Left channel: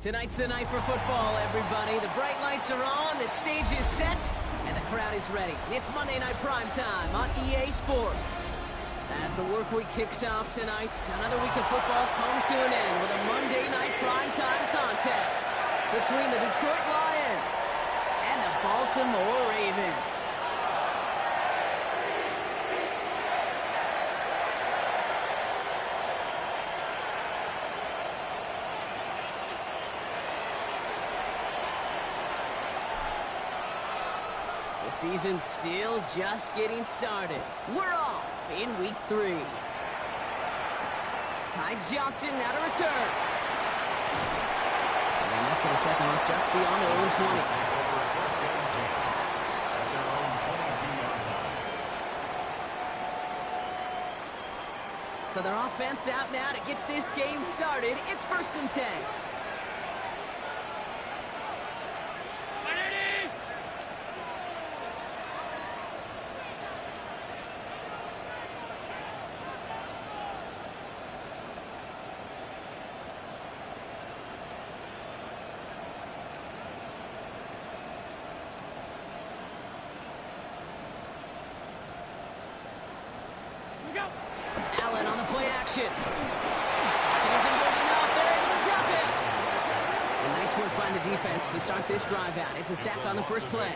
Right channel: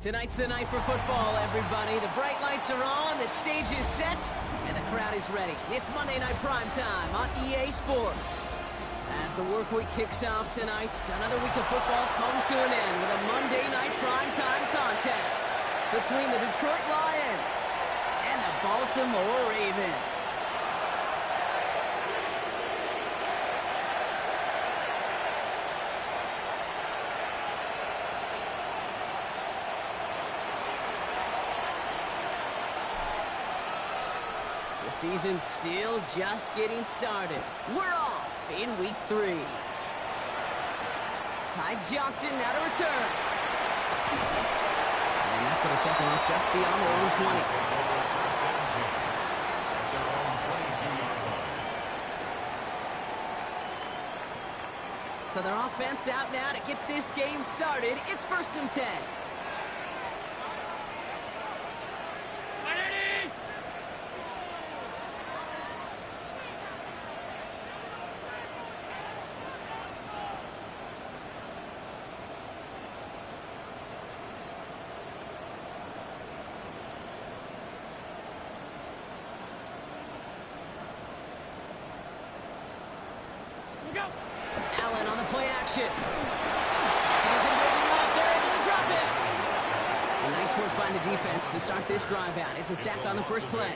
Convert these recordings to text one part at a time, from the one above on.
Tonight's the night for football, everybody. The bright lights are on, the stage is set, and the crowd is ready. It's Monday Night Primetime on EA Sports. As the work week kicks off tonight, another week of football comes to an end with a Monday Night Primetime contest between the Detroit Lions and the Baltimore Ravens. The season's still just getting started. We're off in week 3. Ty Johnson now to return. And that's going to set them up just beyond their own 20. So their offense out now to get this game started. It's 1st and 10. Allen on the play action. Pocket isn't good enough. They're able to drop it. And nice work by the defense to start this drive out. It's a sack on the first play.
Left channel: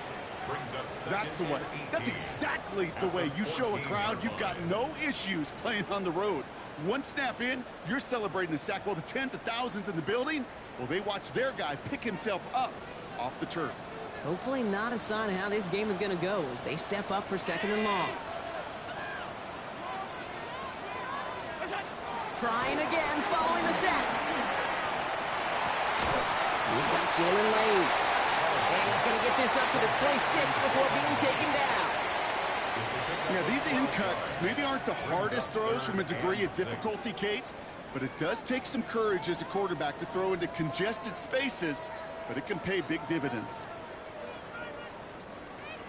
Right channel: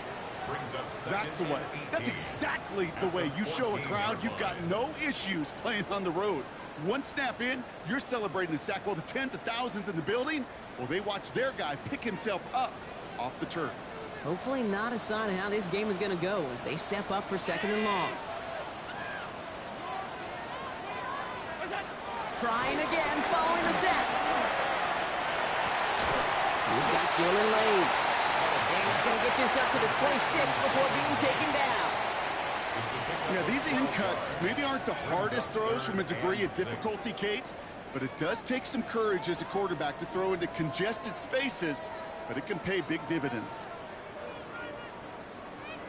That's the way. That's exactly the way you show a crowd you've got no issues playing on the road. One snap in, you're celebrating a sack while the tens of thousands in the building, well, they watch their guy pick himself up off the turf. Hopefully not a sign of how this game is going to go as they step up for 2nd and long. Trying again, following the set. He's got Jalen Lane. And he's going to get this up to the 26 before being taken down. Yeah, these in cuts maybe aren't the hardest throws from a degree of difficulty, Kate, but it does take some courage as a quarterback to throw into congested spaces, but it can pay big dividends.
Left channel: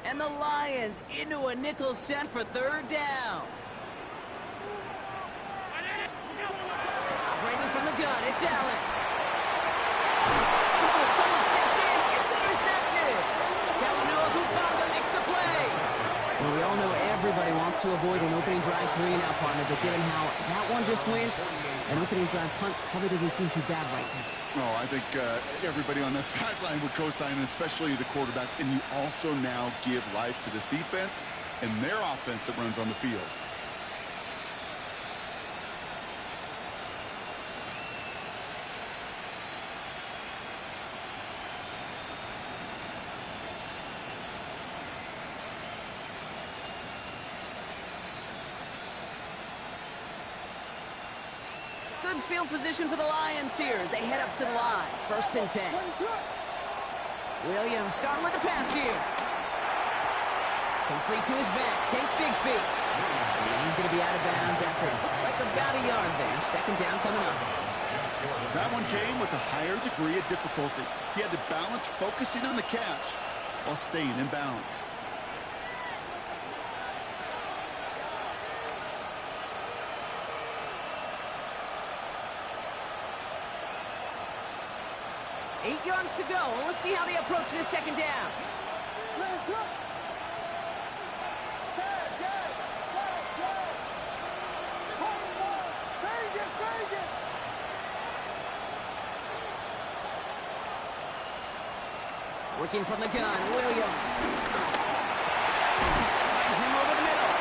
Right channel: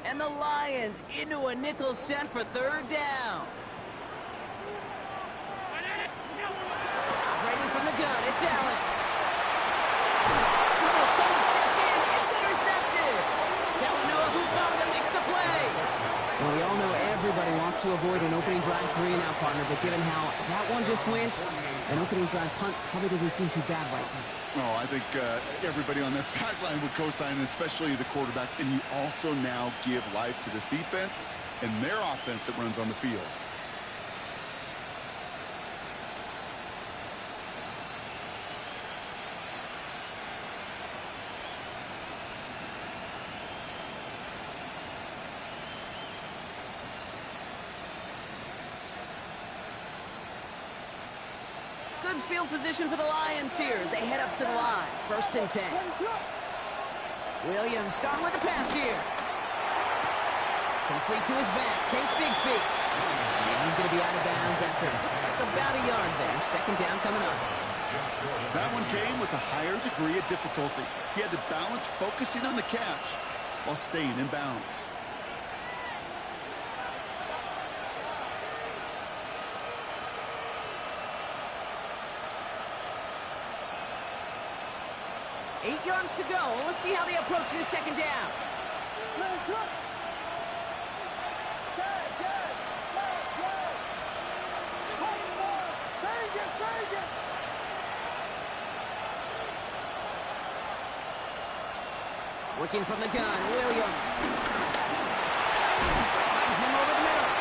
And the Lions into a nickel set for 3rd down. Operating from the gun, it's Allen. Oh, someone stepped in. It's intercepted. Talanoa Hufanga makes the play. Well, we all know everybody wants to avoid an opening drive 3 and out, partner, but given how that one just went, an opening drive punt probably doesn't seem too bad right now. Oh, I think everybody on that sideline would co-sign, especially the quarterback, and you also now give life to this defense and their offense that runs on the field. Good field position for the Lions here as they head up to the line. 1st and 10. Williams starting with the pass here. Complete to his back. Tank Bigsby. And he's going to be out of bounds after looks like about a yard there. 2nd down coming up. That one came with a higher degree of difficulty. He had to balance focusing on the catch while staying in bounds. Eight yards to go. Let's see how they approach this 2nd down. Working from the gun, Williams. Finds him over the middle.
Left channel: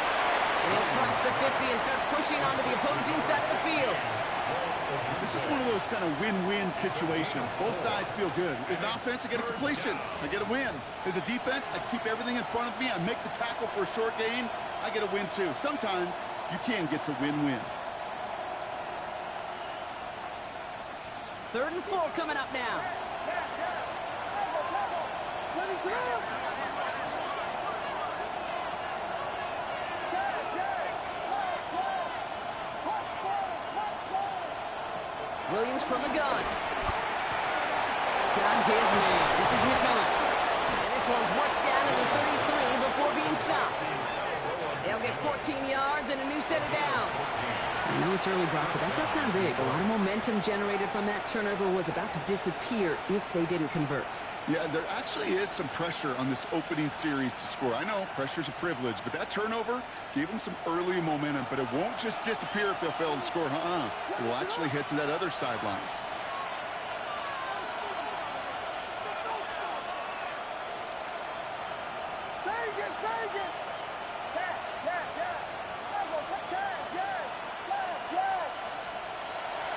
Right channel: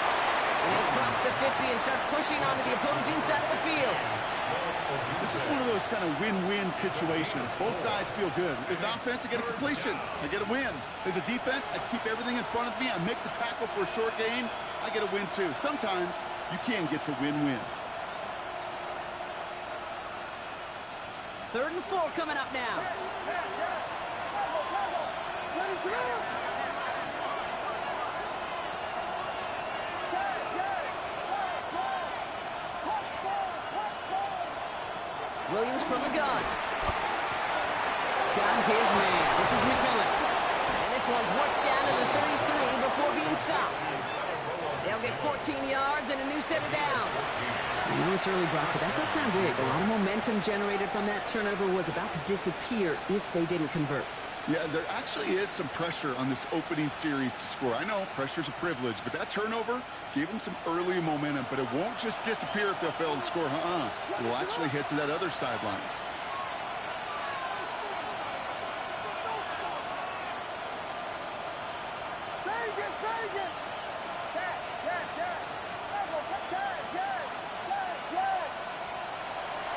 And he'll cross the 50 and start pushing onto the opposing side of the field. This is one of those kind of win-win situations. Both sides feel good. As an offense, I get a completion. I get a win. As a defense, I keep everything in front of me. I make the tackle for a short gain. I get a win, too. Sometimes you can get to win-win. 3rd and 4 coming up now. Williams from the gun. Got his man. This is McMillan. And this one's worked down to the 33 before being stopped. They'll get 14 yards and a new set of downs. I know it's early, Brock, but that felt kind of big. A lot of momentum generated from that turnover was about to disappear if they didn't convert. Yeah, there actually is some pressure on this opening series to score. I know pressure's a privilege, but that turnover gave them some early momentum, but it won't just disappear if they'll fail to score. It will actually head to that other sidelines.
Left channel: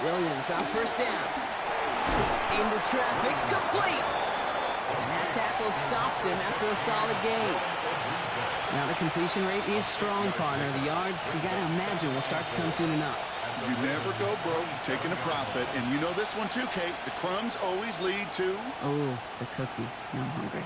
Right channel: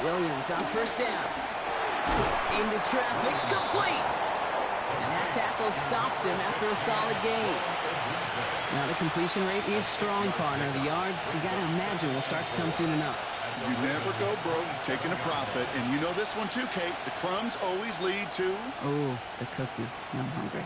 Williams on first down. Into traffic, complete. And that tackle stops him after a solid gain. Now the completion rate is strong, partner. The yards, you got to imagine, will start to come soon enough. You never go broke taking a profit. And you know this one too, Kate. The crumbs always lead to... Oh, the cookie. Now I'm hungry.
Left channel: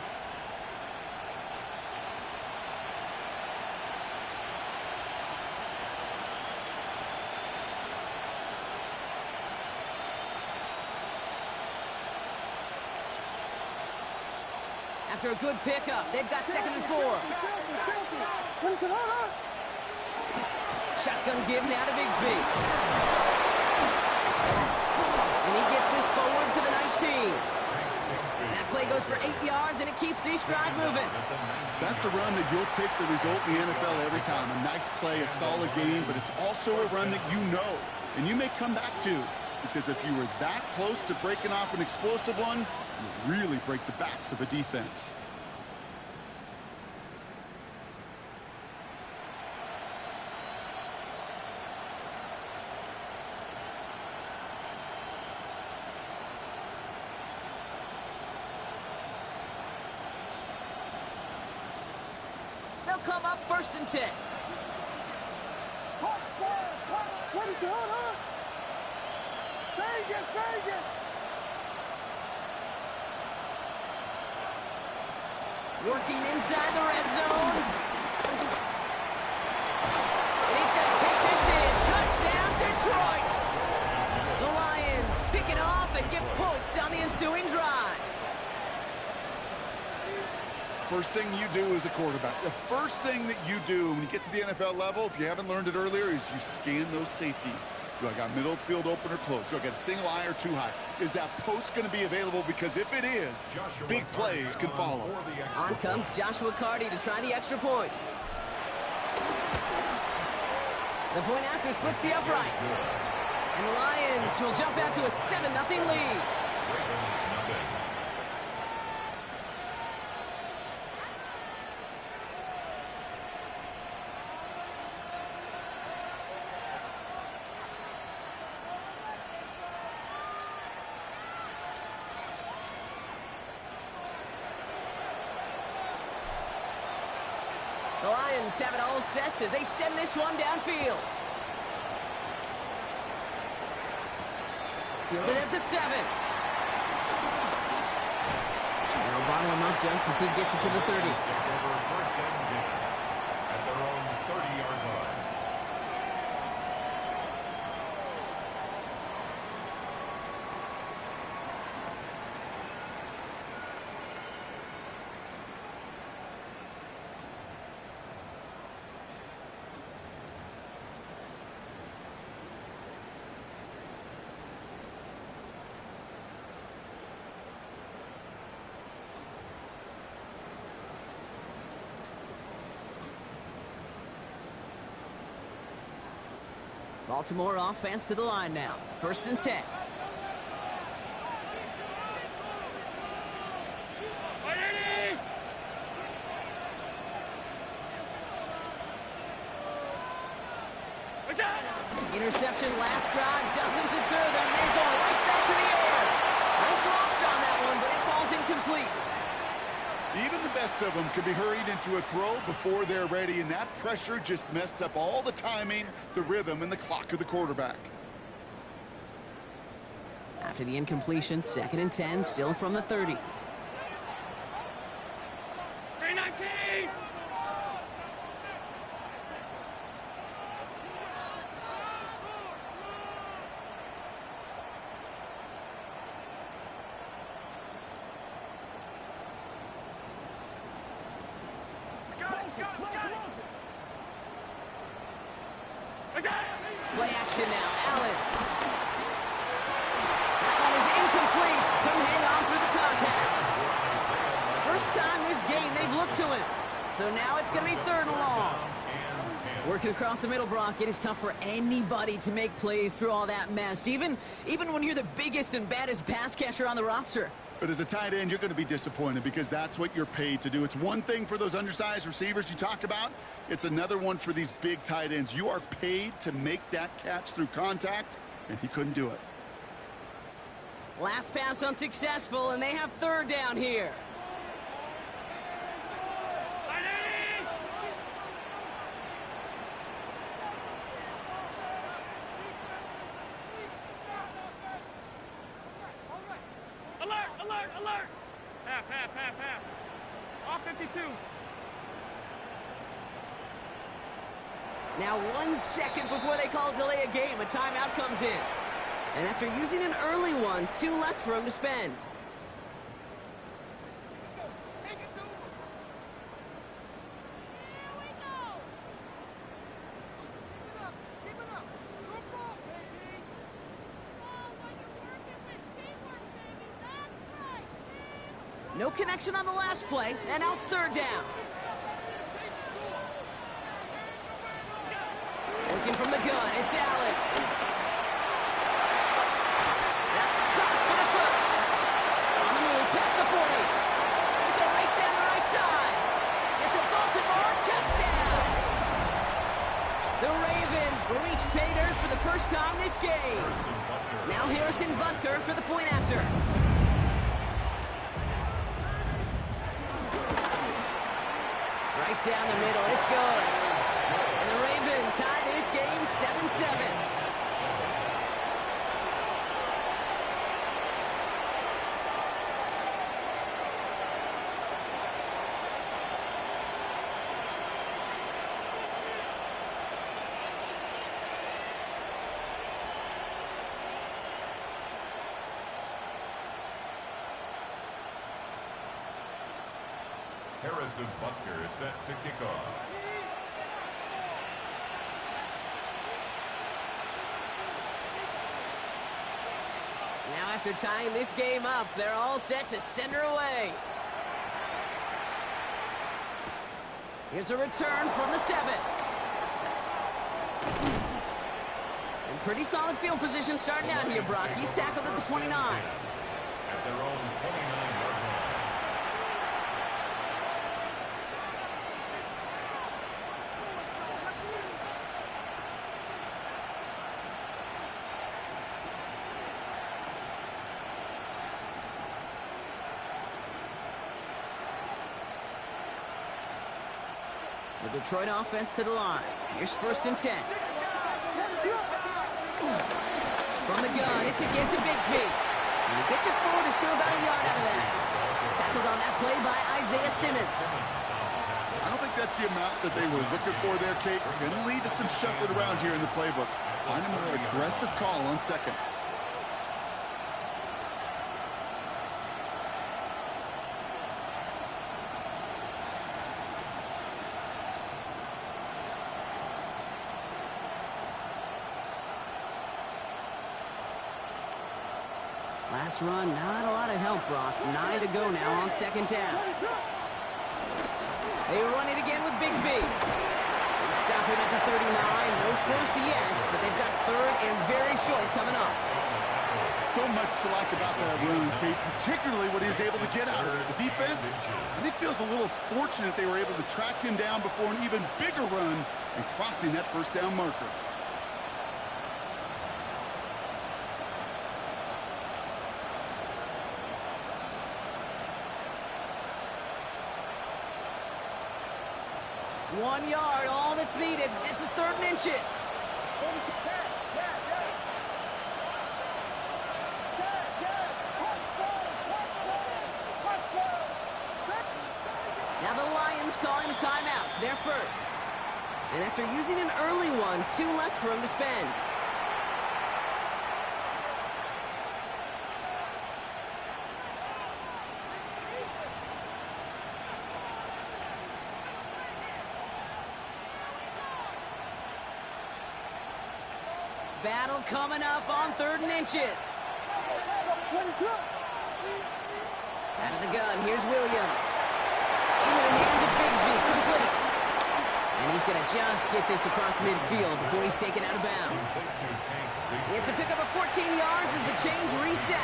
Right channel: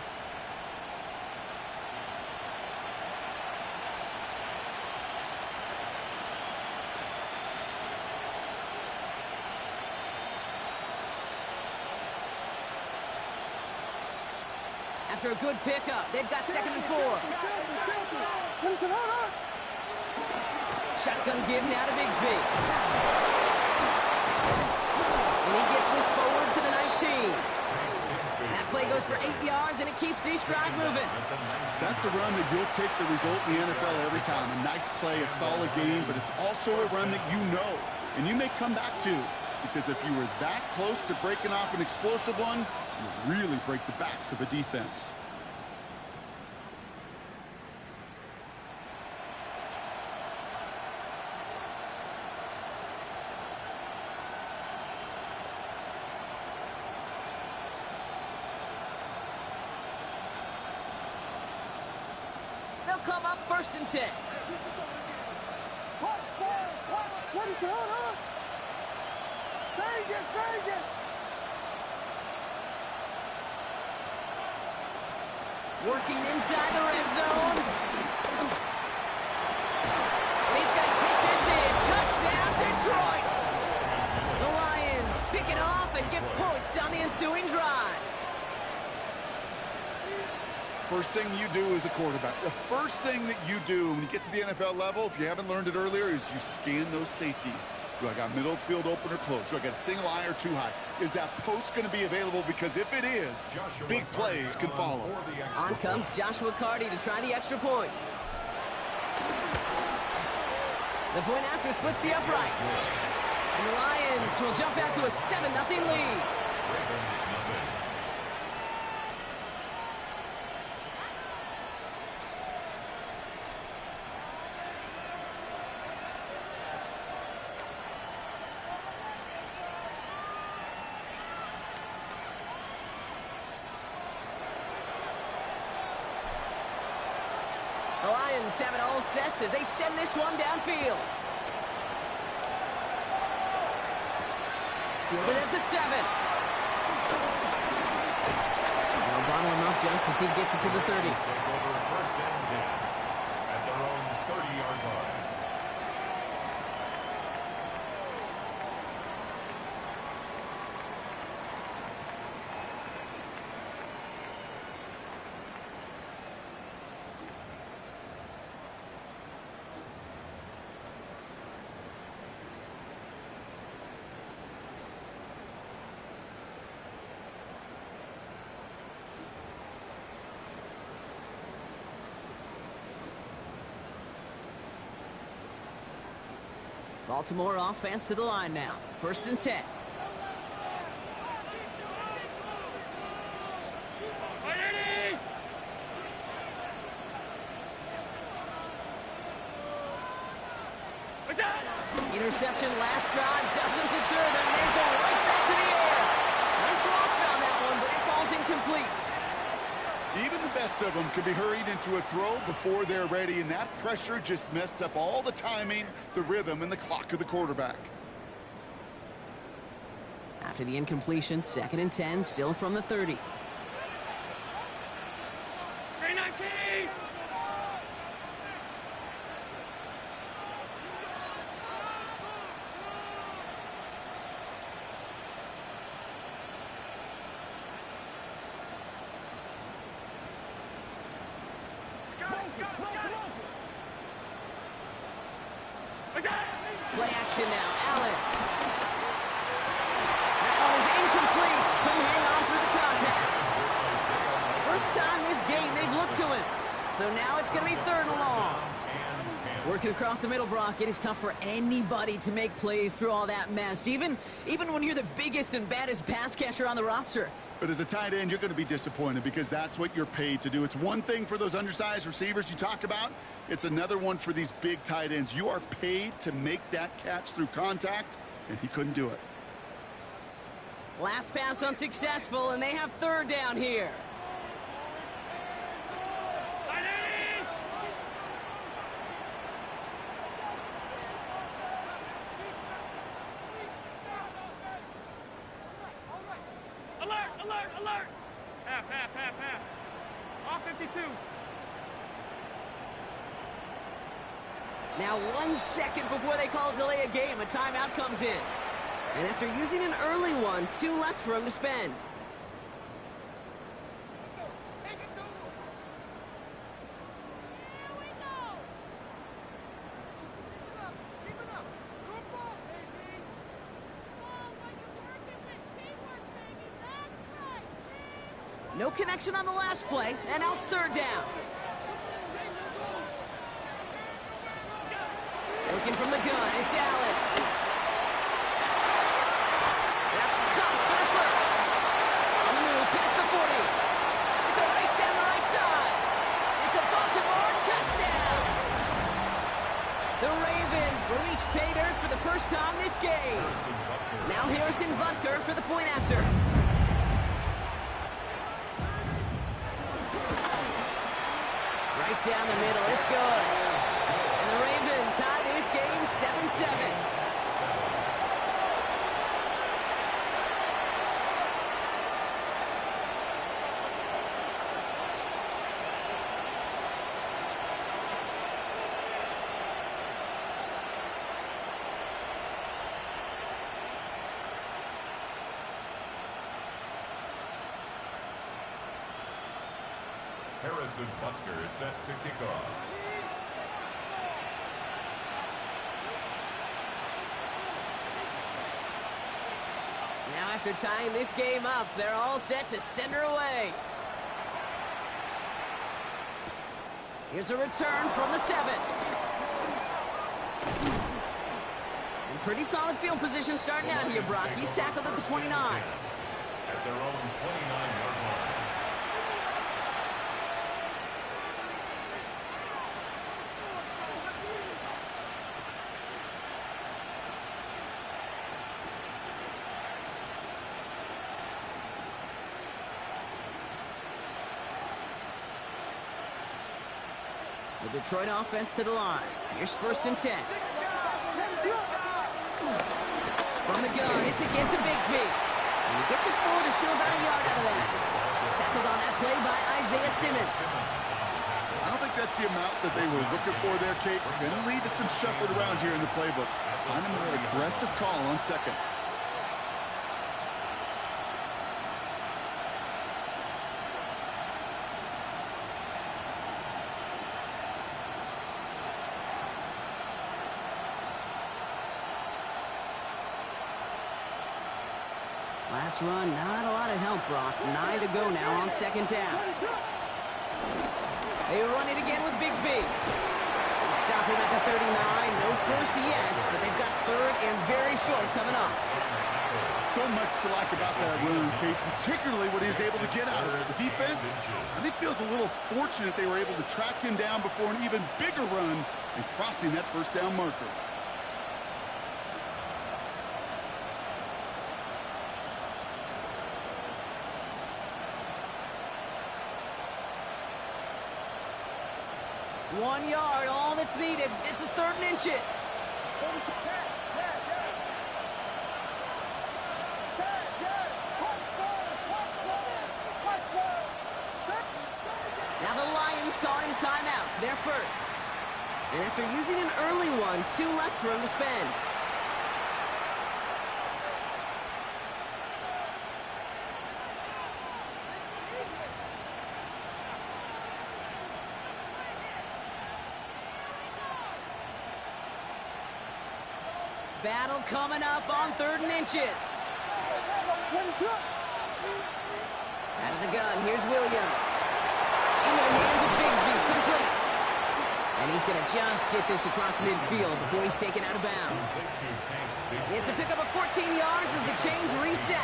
After a good pickup, they've got 2nd and 4. Shotgun give now to Bigsby. And he gets this forward to the 19. That play goes for 8 yards, and it keeps this drive moving. That's a run that you'll take the result in the NFL every time. A nice play, a solid game, but it's also a run that you know, and you may come back to. Because if you were that close to breaking off an explosive one, you really break the backs of a defense. They'll come up 1st and 10. What is it? Vegas! Working inside the red zone. And he's going to take this in. Touchdown, Detroit! The Lions pick it off and get points on the ensuing drive. First thing you do as a quarterback, the first thing that you do when you get to the NFL level, if you haven't learned it earlier, is you scan those safeties. Do I got middle field open or close? Do I got a single high or two high? Is that post going to be available? Because if it is, big plays can follow. On comes Joshua Carty to try the extra point. The point after splits the uprights. And the Lions will jump out to a 7-0 lead. Ravens nothing. The Lions have it all set as they send this one downfield. Fielded at the 7. They'll bottle him up just as he gets it to the 30. Take over 1st and 10 at their own 30-yard line. Baltimore offense to the line now. 1st and 10. Interception last drive doesn't deter them. They're going right back to the air. Nice launch on that one, but it falls incomplete. Even the best of them can be hurried into a throw before they're ready, and that pressure just messed up all the timing, the rhythm, and the clock of the quarterback. After the incompletion, 2nd and 10, still from the 30. 319! Play action now. Allen. That one is incomplete. Couldn't hang on through the contact. First time this game they've looked to him. So now it's going to be 3rd and long. Working across the middle, Brock, it is tough for anybody to make plays through all that mess, even when you're the biggest and baddest pass catcher on the roster. But as a tight end, you're going to be disappointed because that's what you're paid to do. It's one thing for those undersized receivers you talk about. It's another one for these big tight ends. You are paid to make that catch through contact, and he couldn't do it. Last pass unsuccessful, and they have 3rd down here. Alert! Half. Off 52. Now 1 second before they call delay a game, a timeout comes in. And after using an early one, 2 left for him to spend. No connection on the last play, and now it's 3rd down. Working from the gun, it's Allen. That's caught for the first. On the move, past the 40. It's a race down the right side. It's a Baltimore touchdown. The Ravens reach pay dirt for the first time this game. Now Harrison Butker for the point after. Right down the middle, it's good. And the Ravens tie this game 7-7. Harrison Butker is set to kick off. Now after tying this game up, they're all set to send her away. Here's a return from the 7. And pretty solid field position starting out here, Brock. He's tackled at the 29. At their own 29-yard line. The Detroit offense to the line. Here's 1st and 10. From the gun, it's again to Bigsby. And he gets it forward to steal about a yard out of that. Tackled on that play by Isaiah Simmons. I don't think that's the amount that they were looking for there, Kate. Going to lead to some shuffling around here in the playbook. Find a more aggressive call on 2nd. Last run, not a lot of help, Brock. 9 to go now on 2nd down. They run it again with Bigsby. They stop him at the 39. No first yet, but they've got 3rd and very short coming up. So much to like about that run, Kate, particularly what he was able to get out of it. The defense, I think, feels a little fortunate they were able to track him down before an even bigger run and crossing that 1st down marker. One yard, all that's needed. This is 3rd and inches. Now the Lions calling a timeout. They're first. And after using an early one, 2 left for him to spend. Battle coming up on 3rd and inches. Out of the gun, here's Williams. Into the hands of Bigsby, complete. And he's going to just get this across midfield before he's taken out of bounds. It's a pickup of 14 yards as the chains reset.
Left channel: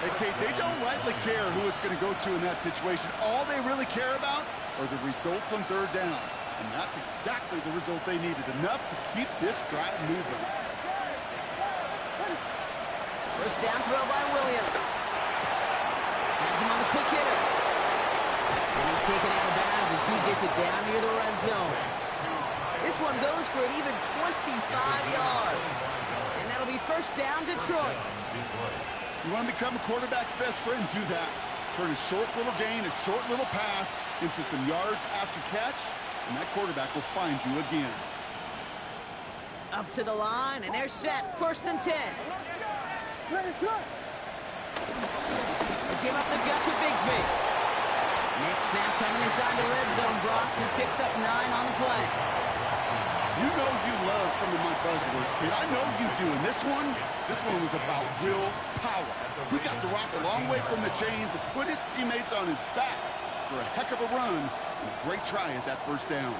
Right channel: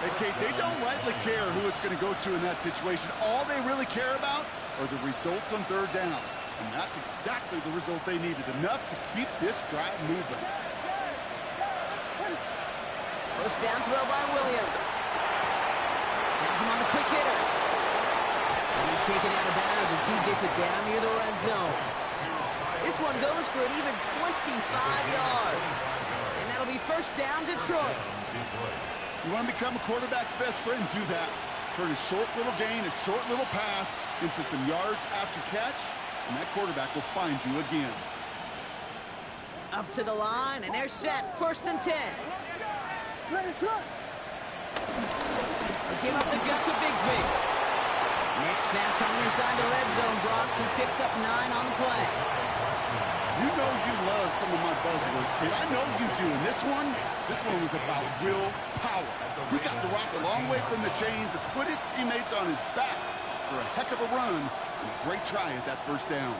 Hey, Kate, they don't rightly care who it's going to go to in that situation. All they really care about are the results on 3rd down. And that's exactly the result they needed. Enough to keep this drive moving. First down throw by Williams. Has him on the quick hitter. And he's taken out of bounds as he gets it down near the red zone. This one goes for an even 25 yards. And that'll be first down, Detroit. You want to become a quarterback's best friend, do that. Turn a short little gain, a short little pass into some yards after catch, and that quarterback will find you again. Up to the line, and they're set. 1st and 10. They give up the gut to Bigsby. Next snap coming inside the red zone. Brock, who picks up 9 on the play. You know you love some of my buzzwords, kid. I know you do. And this one was about will power. He got to rock a long way from the chains and put his teammates on his back for a heck of a run and a great try at that 1st down.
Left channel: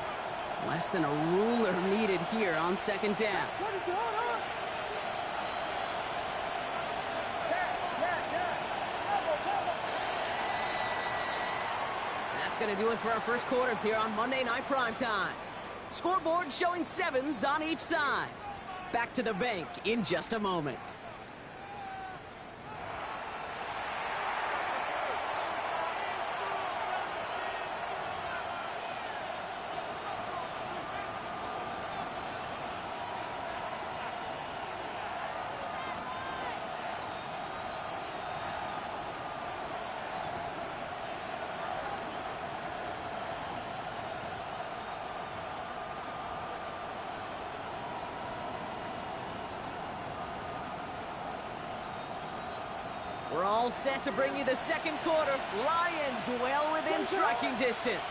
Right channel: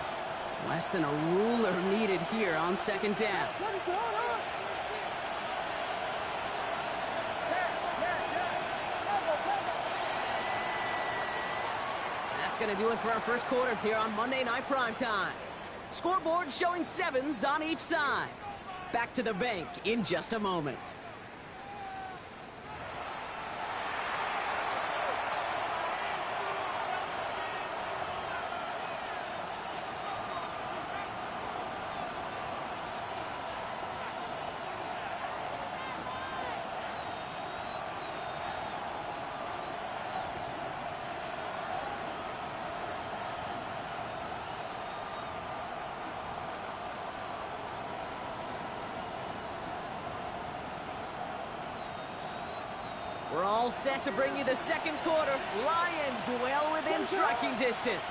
Less than a ruler needed here on 2nd down. That's going to do it for our 1st quarter here on Monday Night Primetime. Scoreboard showing 7s on each side. Back to the bank in just a moment. We're all set to bring you the 2nd quarter. Lions well within striking distance.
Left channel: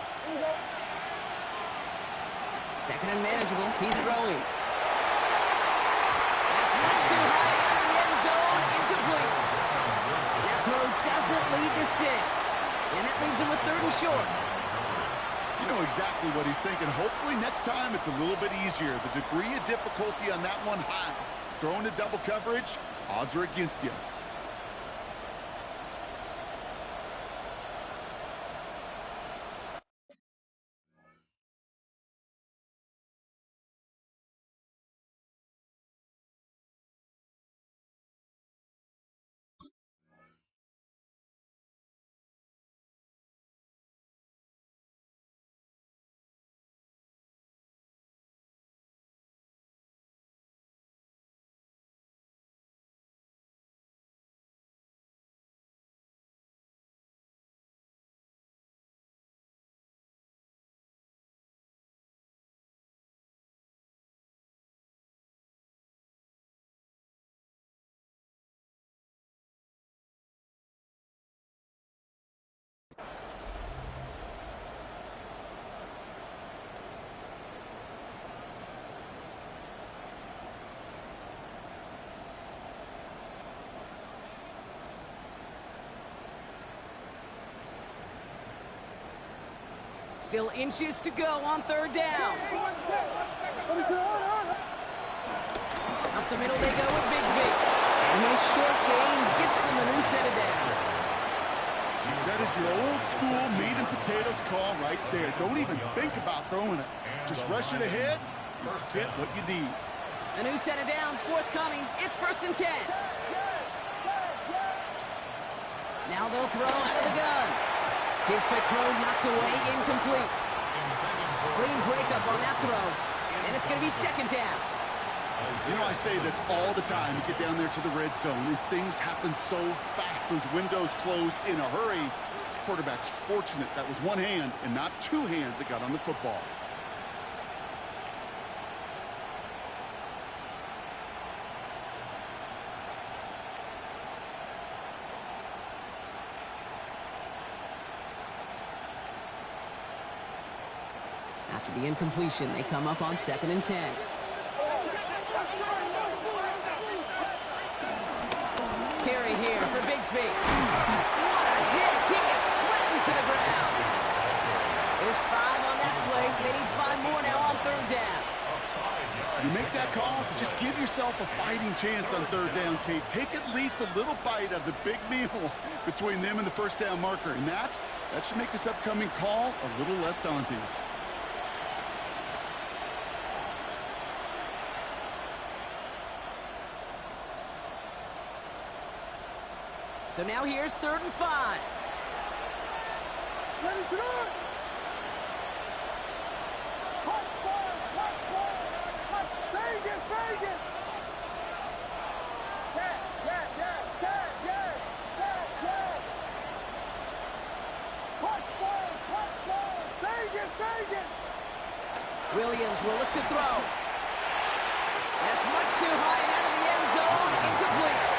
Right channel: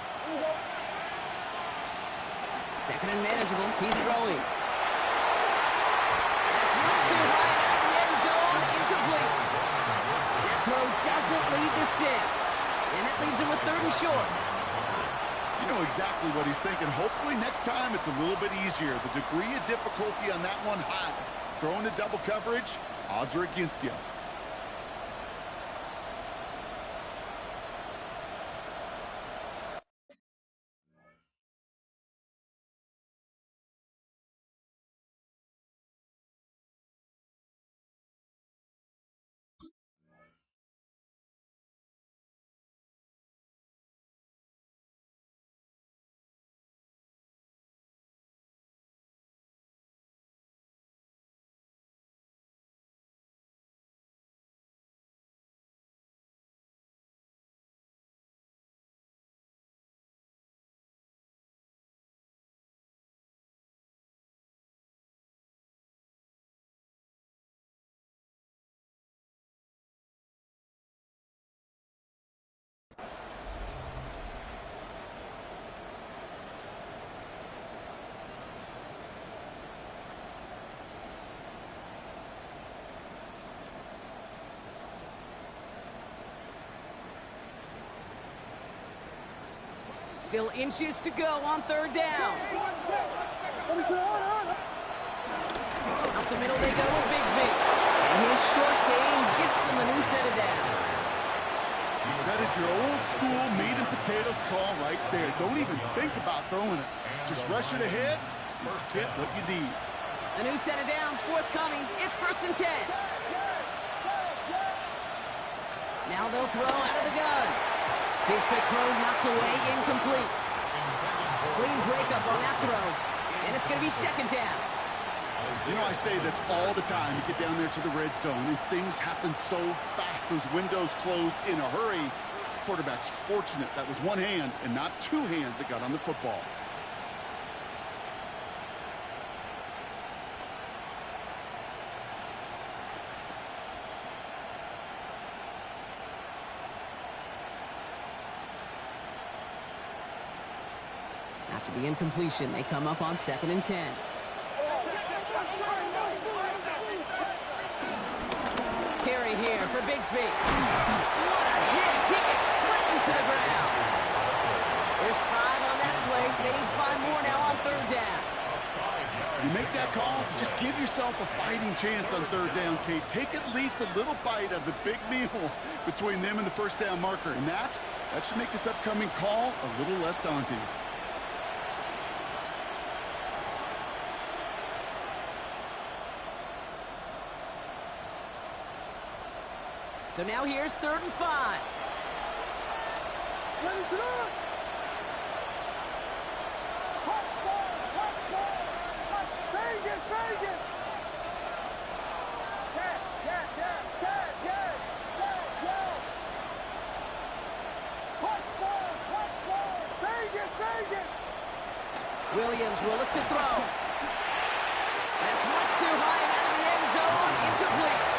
2nd and manageable. He's throwing. That's much too high and out of the end zone. Incomplete. That throw doesn't lead to 6. And that leaves him with 3rd and short. You know exactly what he's thinking. Hopefully next time it's a little bit easier. The degree of difficulty on that one high. Throwing to double coverage, odds are against you. Still inches to go on 3rd down. Up the middle they go with Bigsby. And his short gain gets them a new set of downs. That is your old school meat and potatoes call right there. Don't even think about throwing it. Just rush it ahead and get what you need. A new set of downs forthcoming. It's 1st and 10. Now they'll throw out of the gun. His quick throw knocked away, incomplete. Clean breakup on that throw. And it's going to be 2nd down. You know, I say this all the time. You get down there to the red zone, and things happen so fast. Those windows close in a hurry. Quarterback's fortunate that was one hand and not 2 hands that got on the football. After the incompletion, they come up on 2nd and 10. carry here for Bigsby. What a hit! He gets flattened to the ground. There's 5 on that play. They need 5 more now on 3rd down. You make that call to just give yourself a fighting chance on 3rd down, Kate. Take at least a little bite of the big meal between them and the 1st down marker. And that should make this upcoming call a little less daunting. So now here's 3rd and 5. Ready to go! Vegas, Vegas! Yes! Punch forward! Vegas! Williams will look to throw. That's much too high and out of the end zone. Incomplete.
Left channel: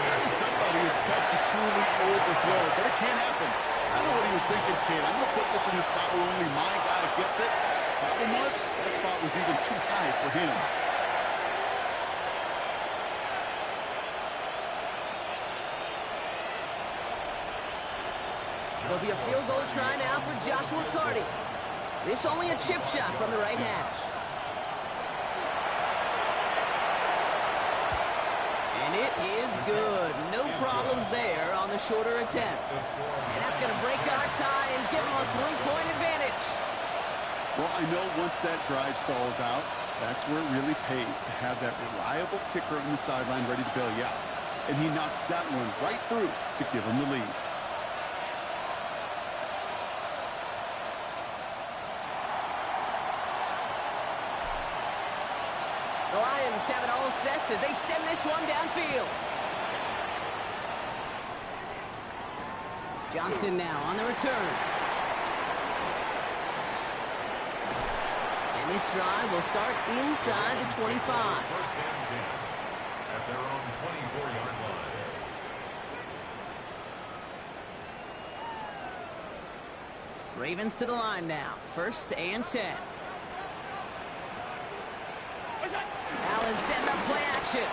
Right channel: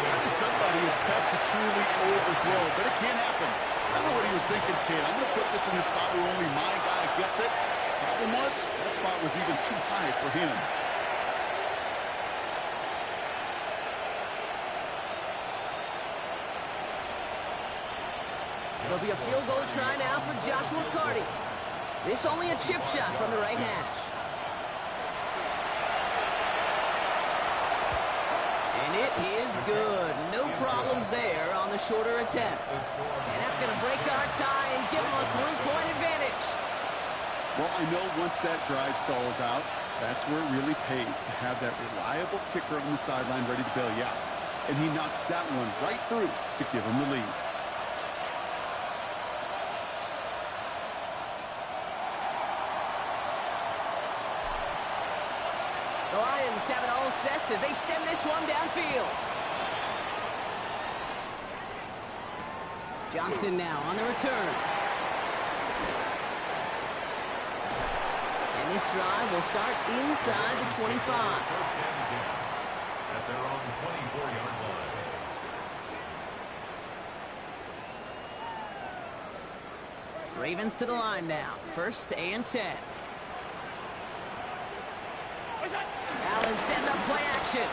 That is somebody it's tough to truly overthrow, but it can happen. I don't know what he was thinking, kid. I'm going to put this in the spot where only my guy gets it. Problem was, that spot was even too high for him. It'll be a field goal try now for Joshua Carty. This only a chip shot from the right hash. And it is good. No problems there on the shorter attempt. And that's going to break our tie and give them a 3-point advantage. Well, I know once that drive stalls out, that's where it really pays to have that reliable kicker on the sideline ready to bail you out. And he knocks that one right through to give him the lead. The Lions have it all set as they send this one downfield. Johnson now on the return. And this drive will start inside the 25. 1st and 10 at their own 24-yard line. Ravens to the line now. 1st and 10. Allen setting up play action.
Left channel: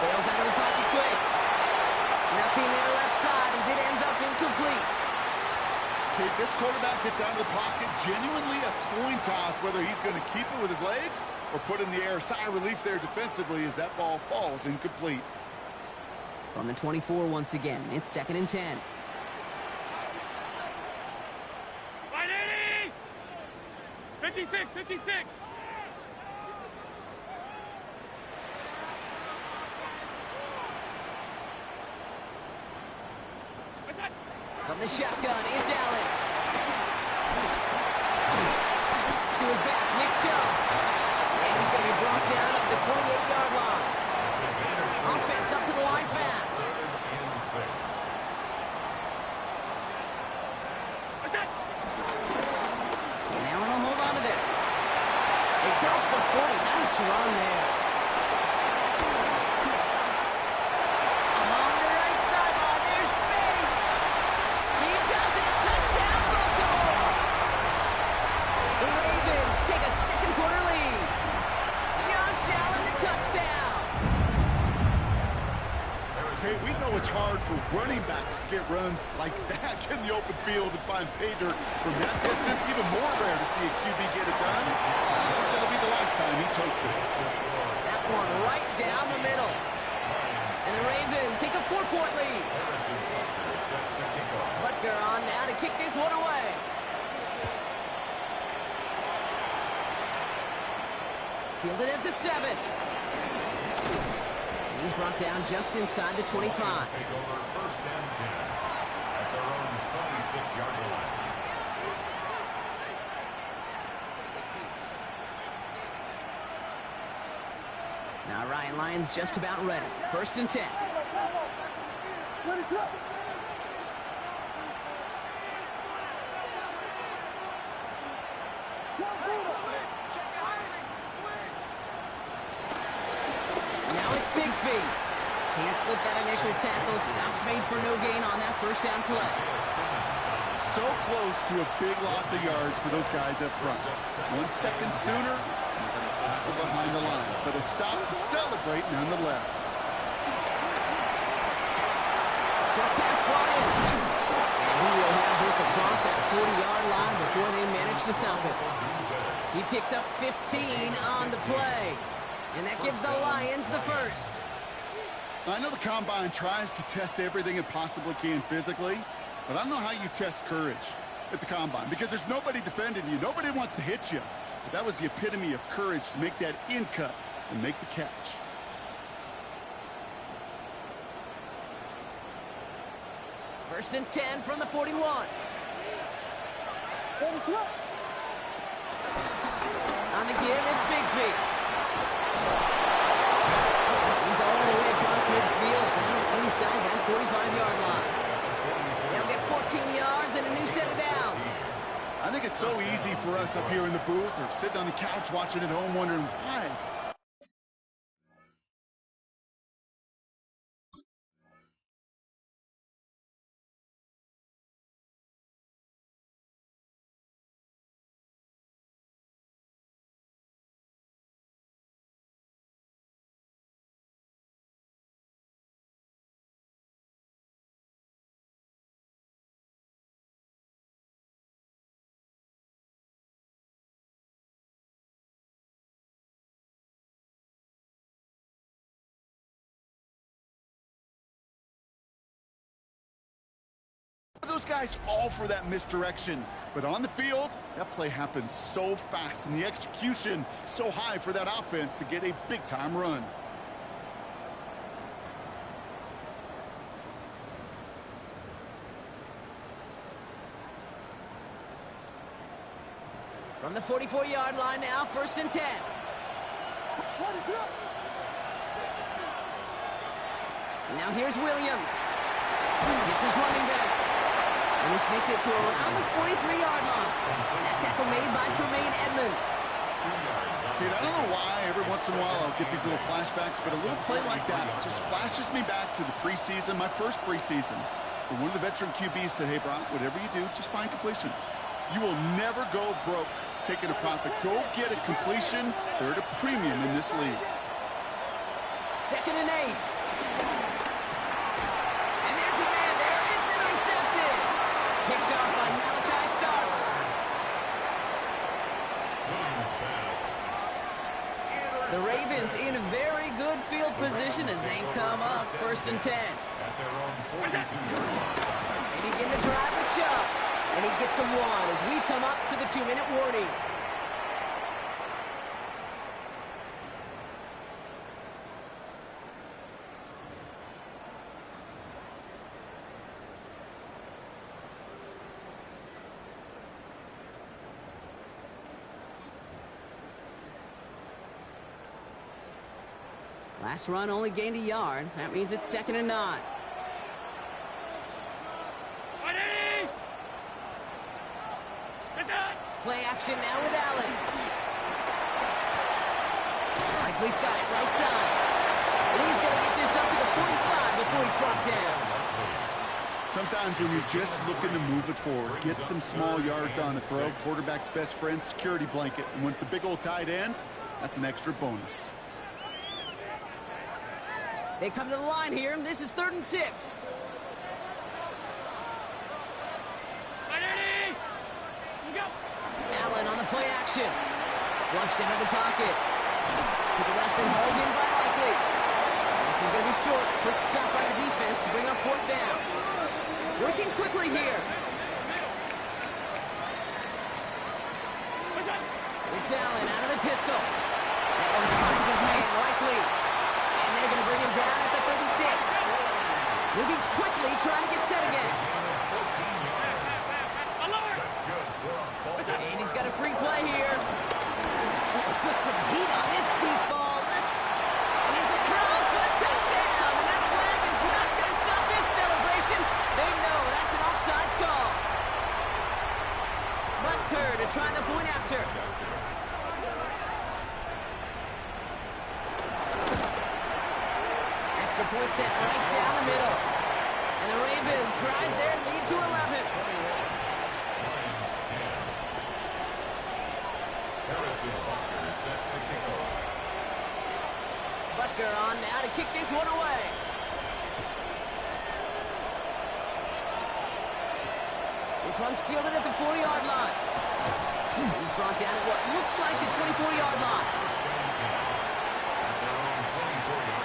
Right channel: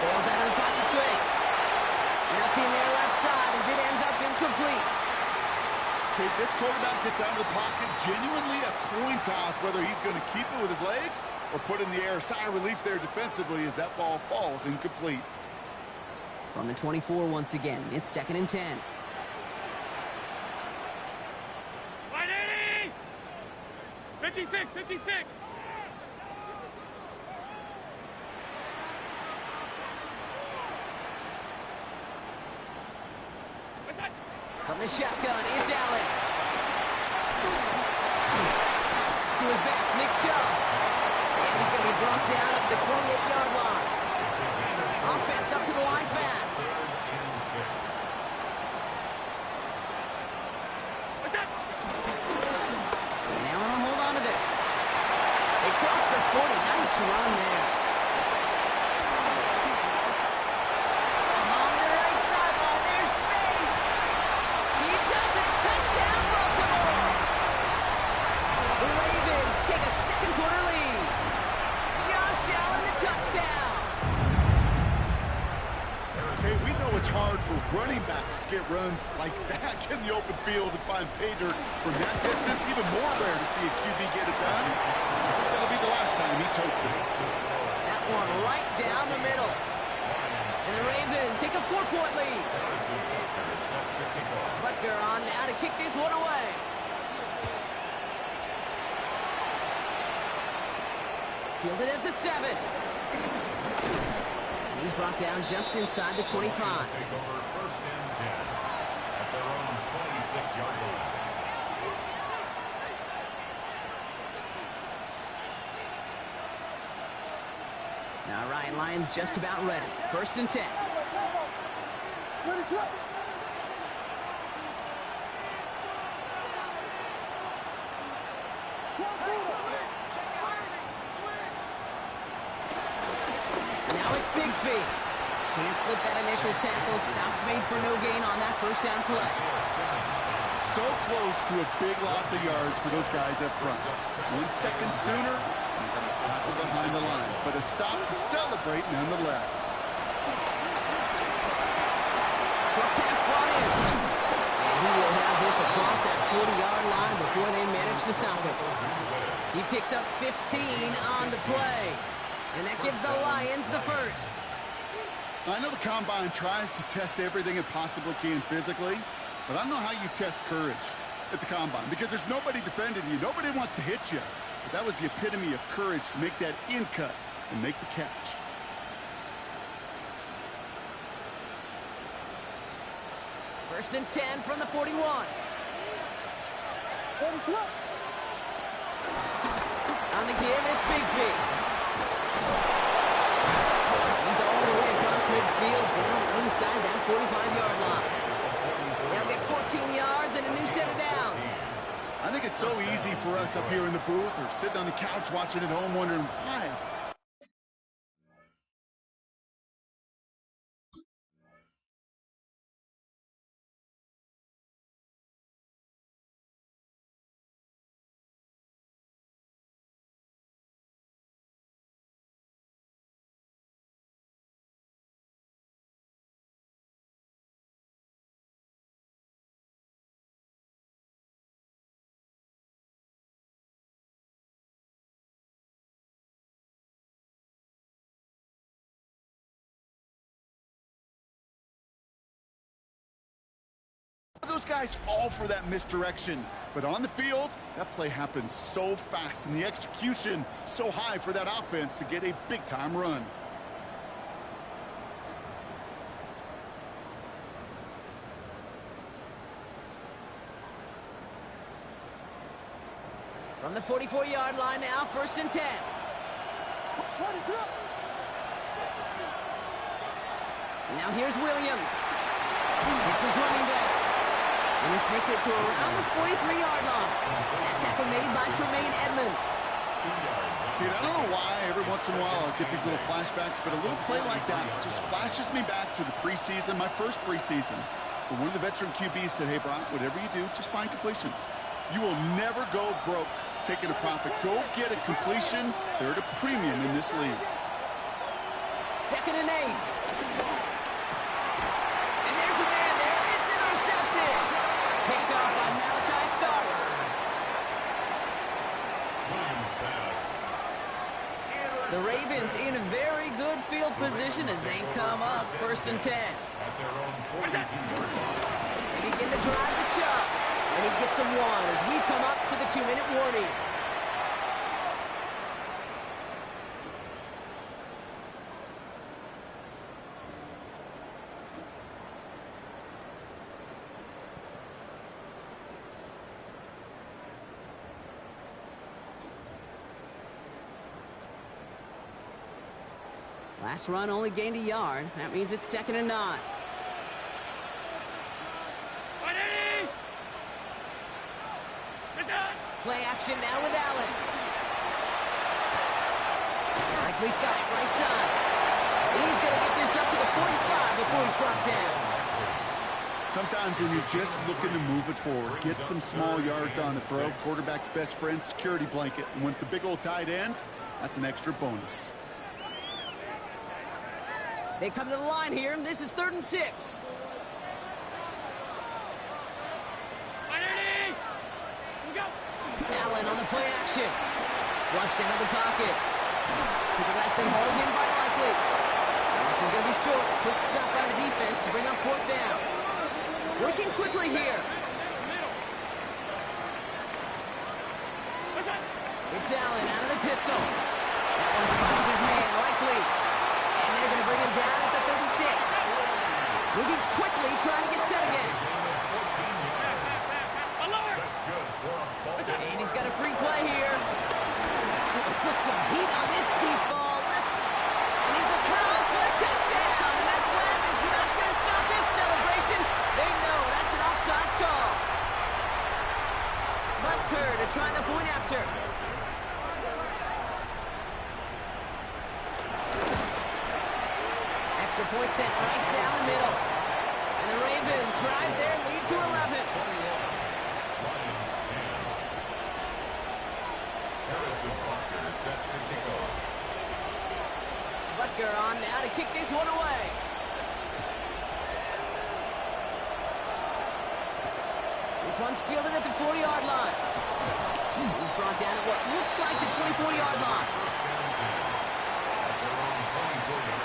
Bails out of the pocket quick. Nothing there left side as it ends up incomplete. Kate, this quarterback gets out of the pocket, genuinely a coin toss whether he's going to keep it with his legs or put in the air. Sigh of relief there defensively as that ball falls incomplete. From the 24 once again, it's 2nd and 10. 56! From the shotgun, it's Allen. It's to his back, Nick Chubb. And he's going to be brought down up the 28-yard line. Offense up to the line fast. 3rd and 6. And Allen will hold on to this. They cross the 40. Nice run there. Along the right sideline, there's space. He does it. Touchdown, Baltimore. The Ravens take a 2nd quarter lead. Josh Allen, the touchdown. Okay, we know it's hard for running backs to get runs like that in the open field and find pay dirt from that distance. Even more rare to see a QB get it done. I think that'll be the last time he totes it. That one right down the middle. And the Ravens take a 4-point lead. Butker on now to kick this one away. Fielded at the 7. And he's brought down just inside the 25. Take over 1st and 10 at their own 26-yard line. Now Ryan Lyons just about ready. 1st and 10. Ready to go! Now it's Bigsby. Can't slip that initial tackle. Stops made for no gain on that 1st down play. So close to a big loss of yards for those guys up front. 1 second sooner, you're going to tackle behind the line. But a stop to celebrate nonetheless. Short pass brought in. And he will have this across that 40-yard line before they manage to stop it. He picks up 15 on the play. And that gives the Lions the first. I know the Combine tries to test everything it possibly can physically, but I don't know how you test courage at the Combine because there's nobody defending you. Nobody wants to hit you. But that was the epitome of courage to make that in cut and make the catch. First and 10 from the 41. On the give, it's Bigsby. He's all the way across midfield, down inside that 45-yard line. They'll get 14 yards and a new set of downs. I think it's so easy for us up here in the booth or sitting on the couch watching at home wondering why. Those guys fall for that misdirection, but on the field, that play happens so fast and the execution so high for that offense to get a big-time run. From the 44-yard line now, first and 10. Now here's Williams. It's his running back. And this makes it to around the 43-yard line. That tackle made by Tremaine Edmonds. Dude, I don't know why every once in a while I'll get these little flashbacks, but a little play like that just flashes me back to the preseason, my first preseason. But one of the veteran QBs said, hey, Brock, whatever you do, just find completions. You will never go broke taking a profit. Go get a completion. They're at a premium in this league. Second and 8. And there's a man there. It's intercepted. Picked off by Malachi Starks. Williams pass. The Ravens in a very good field position as they come up first and 10. At their own 42-yard line. They begin the drive with Chubb. And he gets a 1 as we come up to the 2-minute warning. Last run only gained a yard. That means it's second and 9. Play action now with Allen. Likely's got it right side. And he's going to get this up to the 45 before he's brought down. Sometimes when you're just looking to move it forward, get some small yards on the throw, quarterback's best friend, security blanket. And when it's a big old tight end, that's an extra bonus. They come to the line here. This is 3rd and 6. Allen on the play action. Flushed out of the pocket. To the left and hauled in by Likely. And this is going to be short. Quick stop by the defense to bring up 4th down. Working quickly here. It's Allen out of the pistol. That one finds his man, Likely. And they're going to bring him down at the 36. Moving quickly, trying to get set again. And he's got a free play here. Put some heat on this deep ball. Lifts. And he's across for a touchdown. And that flag is not going to stop this celebration. They know that's an offsides call. Butker to try the point after. Extra point sent right down the middle. And the Ravens drive their lead to 11. Harrison Butker is set to kick off. Butker on now to kick this one away. This one's fielded at the 40-yard line. He's brought down at what looks like the 24-yard line. First down 10 at their own 24-yard line.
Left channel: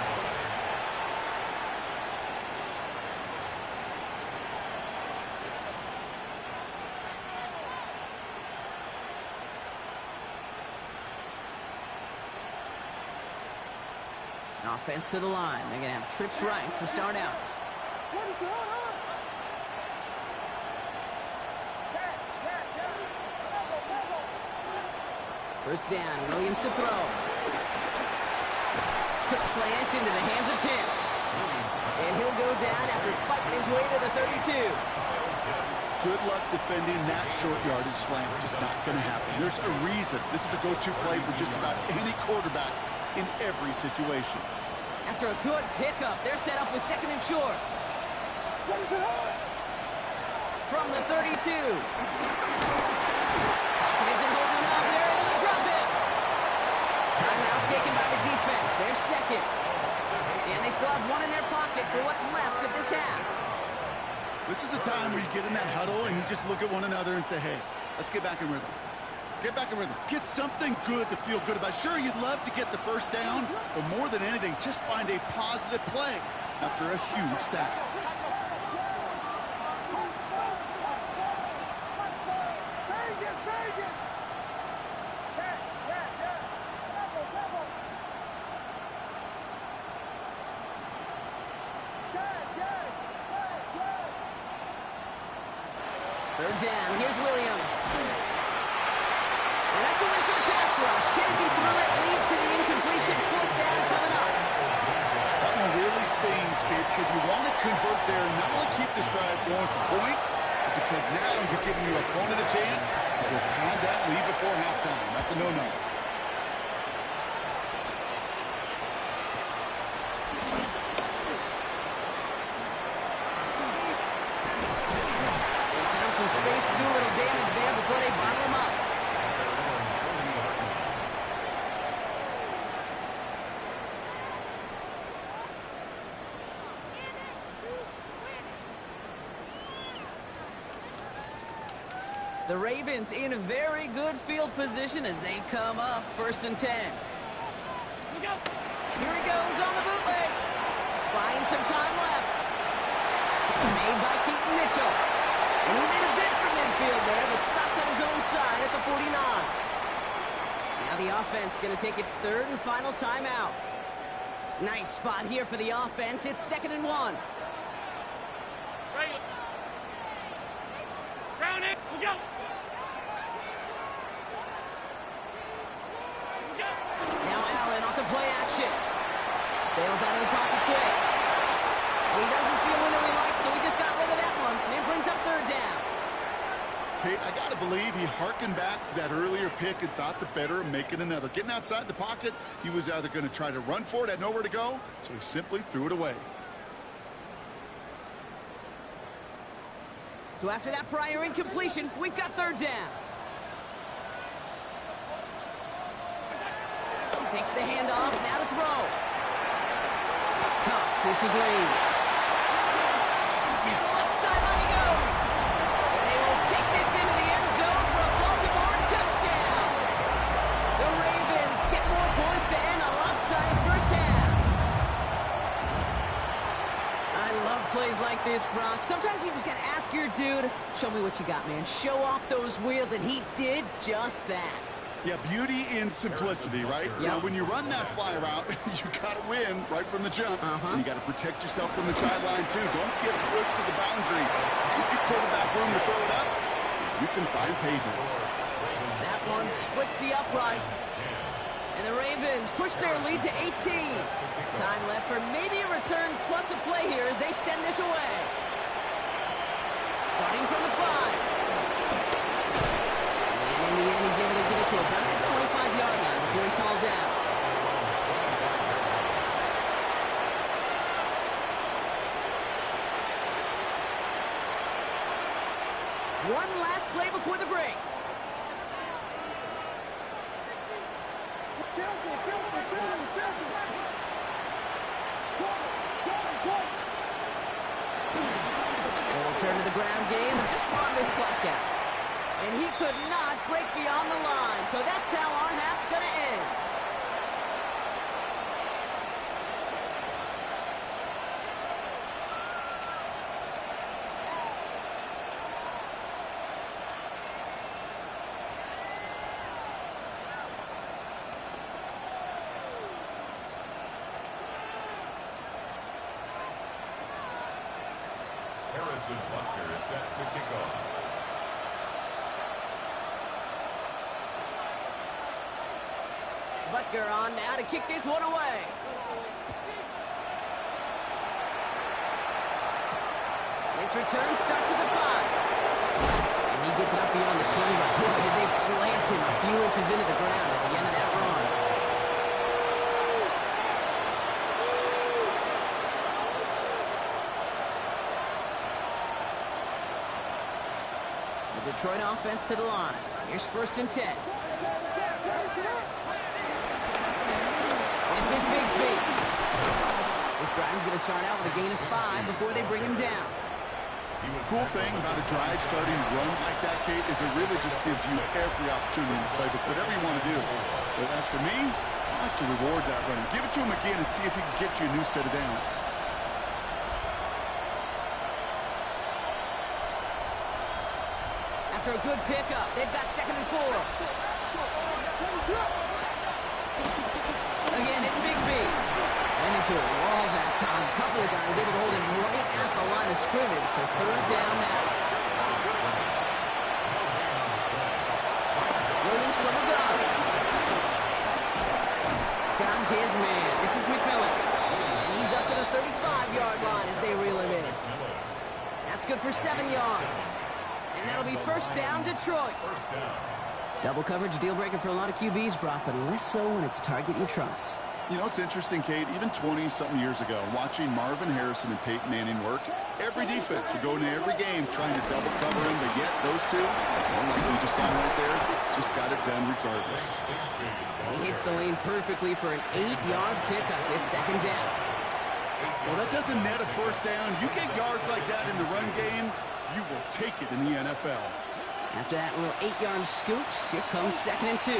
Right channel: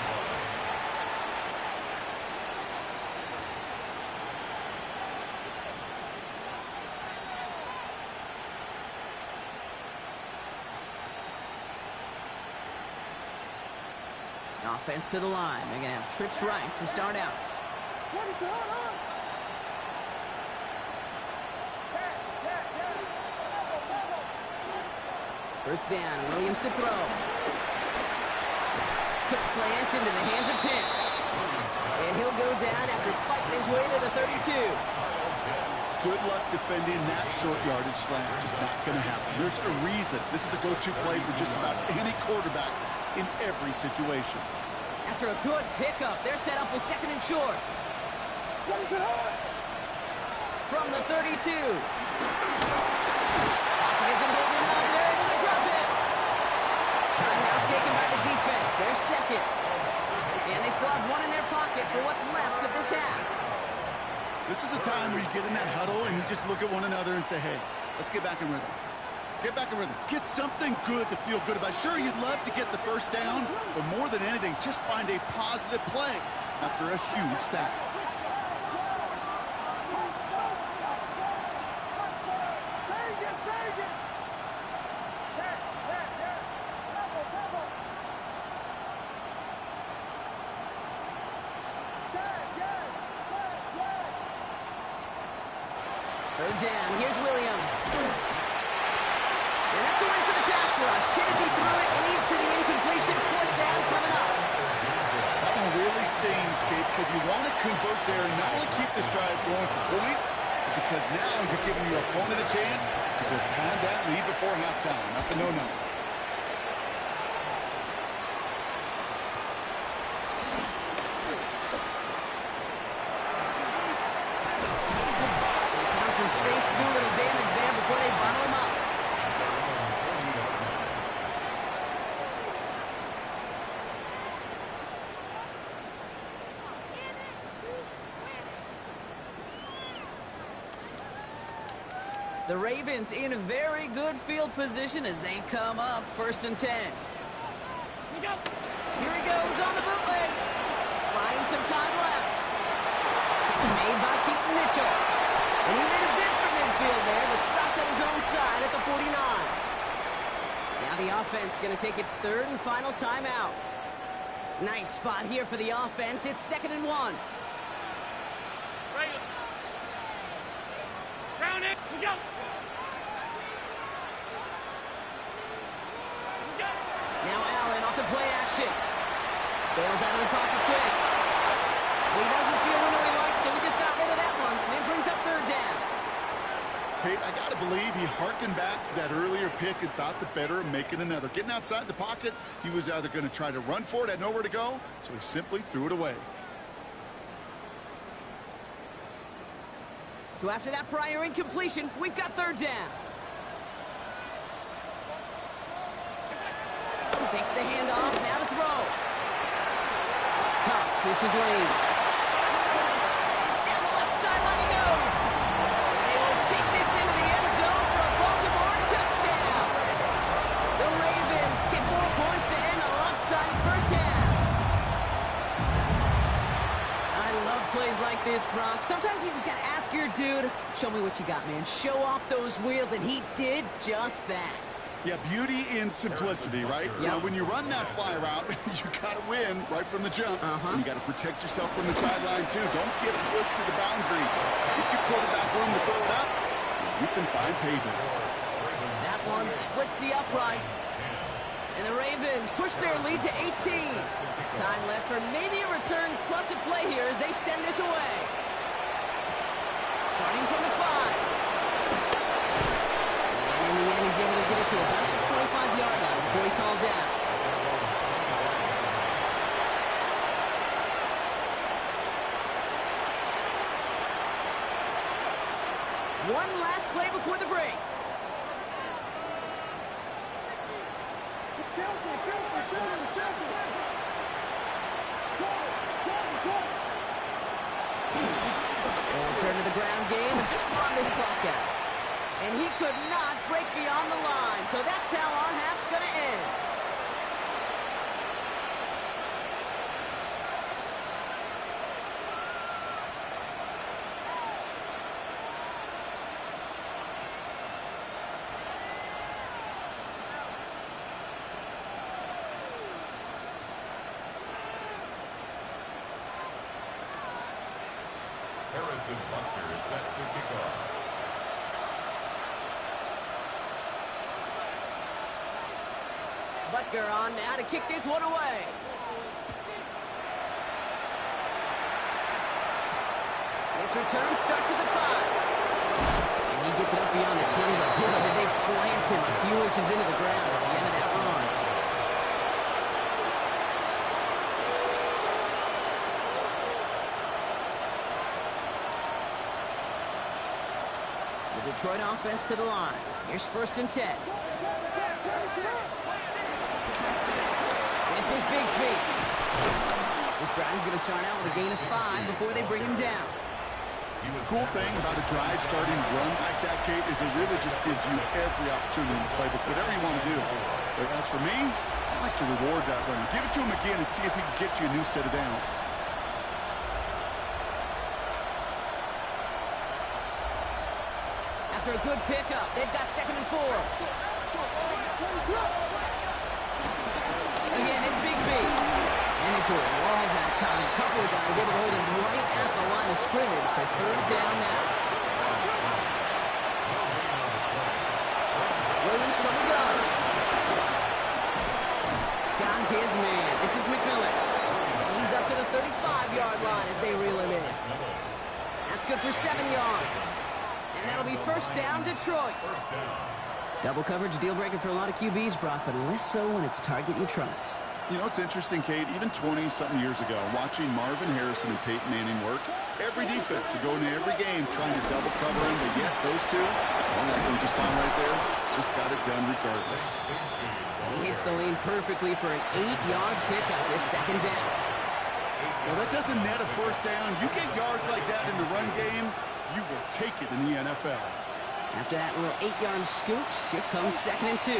Offense to the line. They're going to have trips right to start out. First down, Williams to throw. Quick slant into the hands of Pitts. And he'll go down after fighting his way to the 32. Good luck defending that short yardage slant. Just not going to happen. There's a reason. This is a go-to play for just about any quarterback in every situation. After a good pickup, they're set up with second and short. From the 32. Pocket isn't holding up. They're able to drop it. Timeout taken by the defense. They're second. And they still have one in their pocket for what's left of this half. This is a time where you get in that huddle and you just look at one another and say, hey, let's get back in rhythm. Get back in rhythm. Get something good to feel good about. Sure, you'd love to get the first down, but more than anything, just find a positive play after a huge sack. Third down. Here's Williams. And that's a win for the pass rush. Hit as he threw it, leads to the incompletion. Fourth down coming up. That one really stings, Gabe, because you want to convert there and not only keep this drive going for points, but because now you're giving your opponent a chance to go pad that lead before halftime. That's a no-no. They found some space to do a little damage there before they bottle him up. The Ravens in a very good field position as they come up first and 10. Here he goes on the bootleg. Buying some time left. Catch made by Keaton Mitchell. And he made a bid for midfield there, but stopped on his own side at the 49. Now the offense going to take its third and final timeout. Nice spot here for the offense. It's 2nd and 1. Right. Round it. We go. Now Allen off the play action. Bails out of the pocket quick. And he doesn't see a window he likes, so he just got rid of that one. And it brings up third down. Kate, I got to believe he hearkened back to that earlier pick and thought the better of making another. Getting outside the pocket, he was either going to try to run for it, had nowhere to go, so he simply threw it away. So after that prior incompletion, we've got third down. Takes the handoff, now to throw. Cox, this is Lane. Down the left sideline he goes. And they will take this into the end zone for a Baltimore touchdown. The Ravens get 4 points to end a lopsided first half. I love plays like this, Brock. Sometimes you just got to ask your dude, show me what you got, man. Show off those wheels, and he did just that. Yeah, beauty in simplicity, right? Yeah. Now, when you run that fly route, you got to win right from the jump. And you got to protect yourself from the sideline, too. Don't get pushed to the boundary. Give your quarterback room to throw it up. You can find pavement. That one splits the uprights. And the Ravens push their lead to 18. Time left for maybe a return plus a play here as they send this away. Starting from the 5. And in the end, he's able to get it to about the 25-yard line before he's hauled down. One last play before the break. They'll Return to the ground game and just run this clock out. And he could not break beyond the line, so that's how our half's going to end. Harrison Butker is set to kick off. Butker on now to kick this one away. This return starts at the 5. And he gets it up beyond the 20, but boy, did they plant him a few inches into the ground at the end of that run. The Detroit offense to the line. Here's 1st and 10. This is Bigsby. This drive's going to start out with a gain of 5 before they bring him down. Cool thing about a drive starting run like that, Kate, is it really just gives you every opportunity to play with whatever you want to do. But as for me, I like to reward that runner. Give it to him again and see if he can get you a new set of downs. After a good pickup, they've got 2nd and 4. Again, it's Bigsby. And into a wall that time. A couple of guys able to hold him right at the line of scrimmage. So 3rd down now. Williams from the gun. Got his man. This is McMillan. And he's up to the 35-yard line as they reel him in. That's good for 7 yards. And that'll be 1st down, Detroit. Double coverage, deal breaker for a lot of QBs, Brock, but less so when it's a target you trust. You know, it's interesting, Kate, even 20-something years ago, watching Marvin Harrison and Peyton Manning work, every defense would go into every game trying to double cover him, but yet those two, well, like we just saw right there, just got it done regardless. And he hits the lane perfectly for an 8-yard pickup. It's 2nd down. Well, that doesn't net a 1st down. You get yards like that in the run game, you will take it in the NFL. After that little 8-yard scooch, here comes 2nd and 2.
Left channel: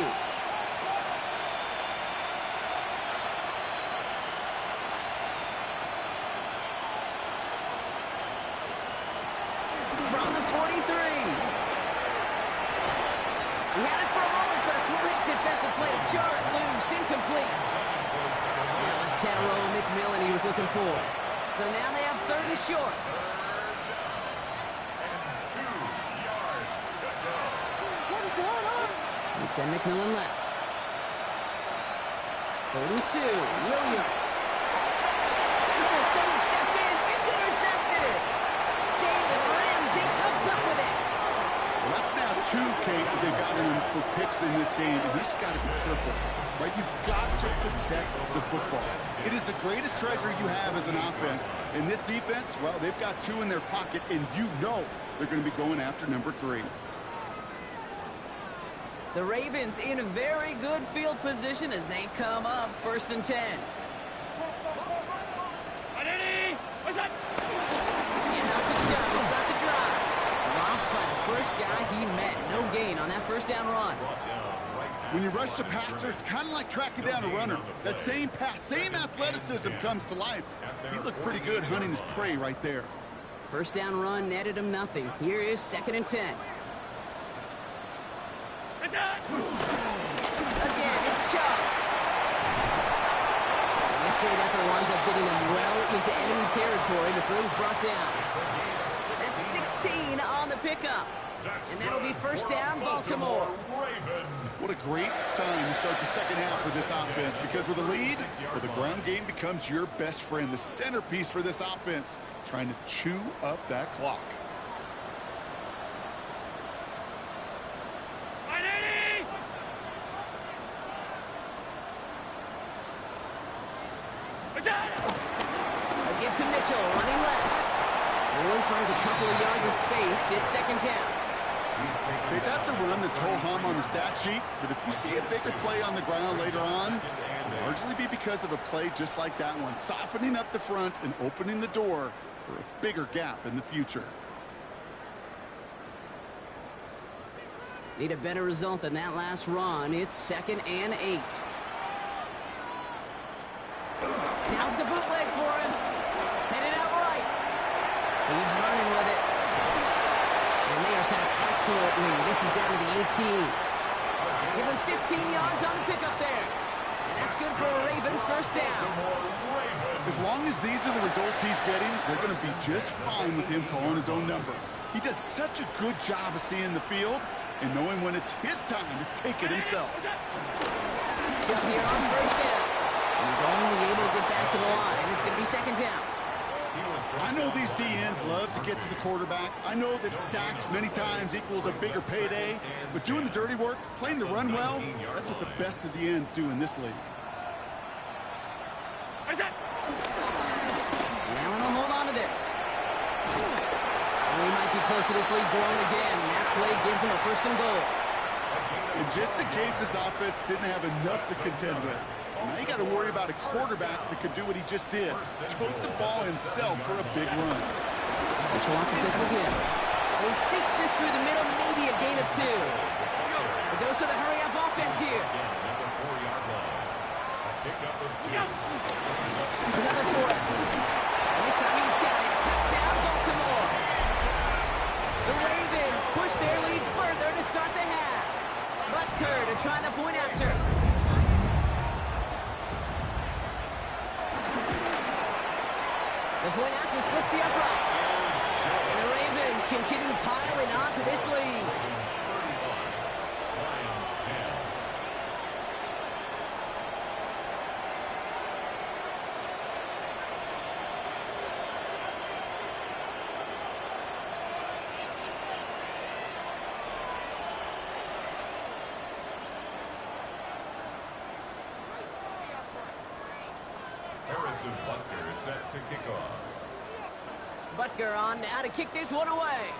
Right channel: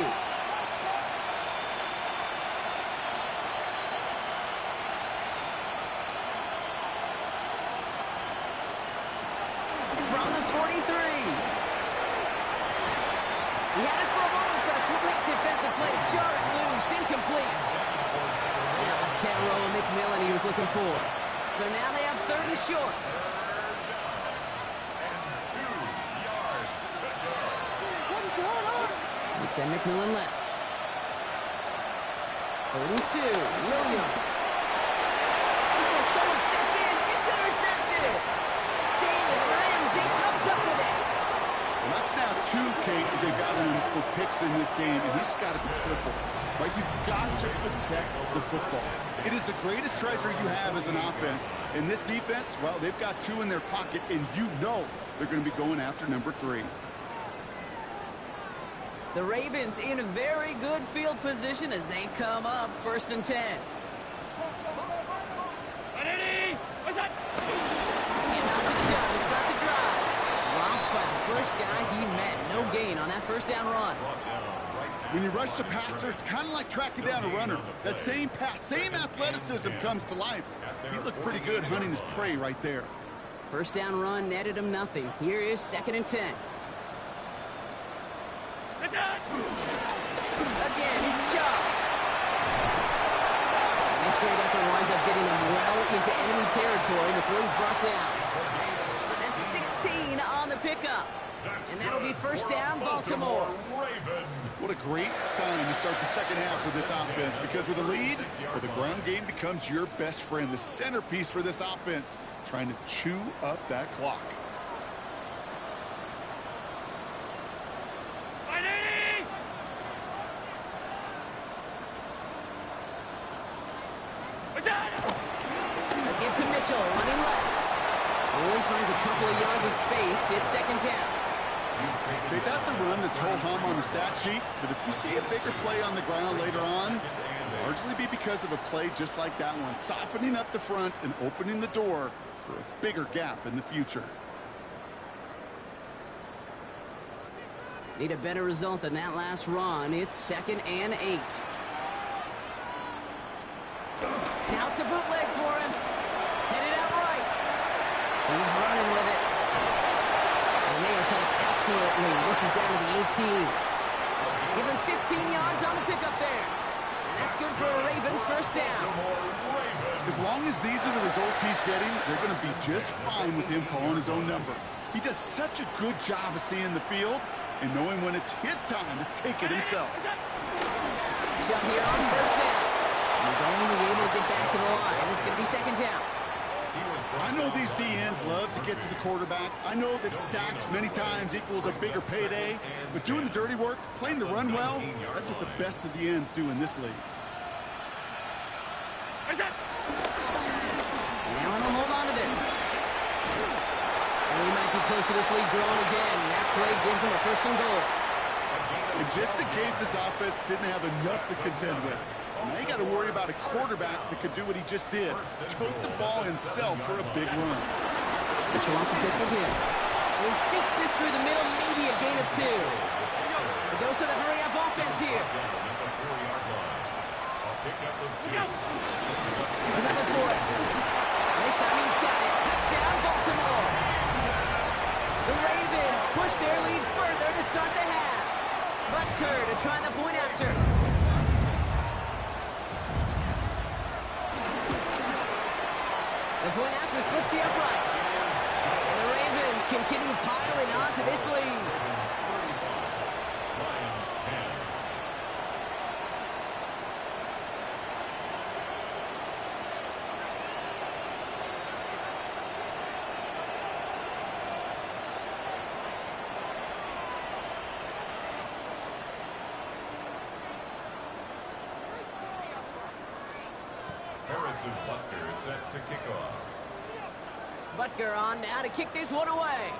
From the 43. He had it for a moment, but a great defensive play to jar it loose. Incomplete. That was Tannero McMillan he was looking for. So now they have 3rd and short. They send McMillan left. 3rd and 2. Williams. Oh, someone stepped in. It's intercepted. Jalen Ramsey comes up with it. Well, that's now 2, Kate, that they've gotten him for picks in this game, and he's got to be careful. Right? You've got to protect the football. It is the greatest treasure you have as an offense. In this defense, well, they've got 2 in their pocket, and you know they're going to be going after number 3. The Ravens in a very good field position as they come up 1st and 10. And out to Chubb to start the drive. Dropped by the first guy he met. No gain on that 1st down run. When you rush the passer, it's kind of like tracking down a runner. That same pass, same athleticism comes to life. He looked pretty good hunting his prey right there. 1st down run netted him nothing. Here is 2nd and 10. Again, it's Chubb. And this great effort winds up getting him well into enemy territory before he's brought down. That's 16 on the pickup. And that'll be 1st down, Baltimore. What a great sign to start the 2nd half for this offense, because with a lead, well, the ground game becomes your best friend, the centerpiece for this offense, trying to chew up that clock. A give to Mitchell, running left. Only finds a couple of yards of space. It's 2nd down. Okay, that's a run that's ho-hum on the stat sheet, but if you see a bigger play on the ground later on, it'll largely be because of a play just like that one, softening up the front and opening the door for a bigger gap in the future. Need a better result than that last run. It's 2nd and 8. Now it's a bootleg for him. Headed out right. He's running with it. And they are set up excellently. This is down to the 18. Give him 15 yards on the pickup there. And that's good for a Ravens first down. As long as these are the results he's getting, they're going to be just fine with him calling his own number. He does such a good job of seeing the field and knowing when it's his time to take it himself. Jump here on first down. He's only able to get back to the line. It's going to be 2nd down. I know these DNs love to get to the quarterback. I know that sacks many times equals a bigger payday, but doing the dirty work, playing to run well, that's what the best of the ends do in this league. Now he'll hold on to this. And we might be close to this lead growing again. That play gives him a 1st and goal. And just in case this offense didn't have enough to contend with, now you got to worry about a quarterback that could do what he just did. Tote the ball himself for a big run. Mitchell off the pistol gives. And he sneaks this through the middle, maybe a gain of 2. A dose of the hurry-up offense here. Another 4. And this time he's got it. Touchdown, Baltimore. The Ravens push their lead further to start the half. Butker to try the point after. The point after splits the uprights. And the Ravens continue piling on to this lead. Harrison Butker is set to kick off. Butker on now to kick this one away.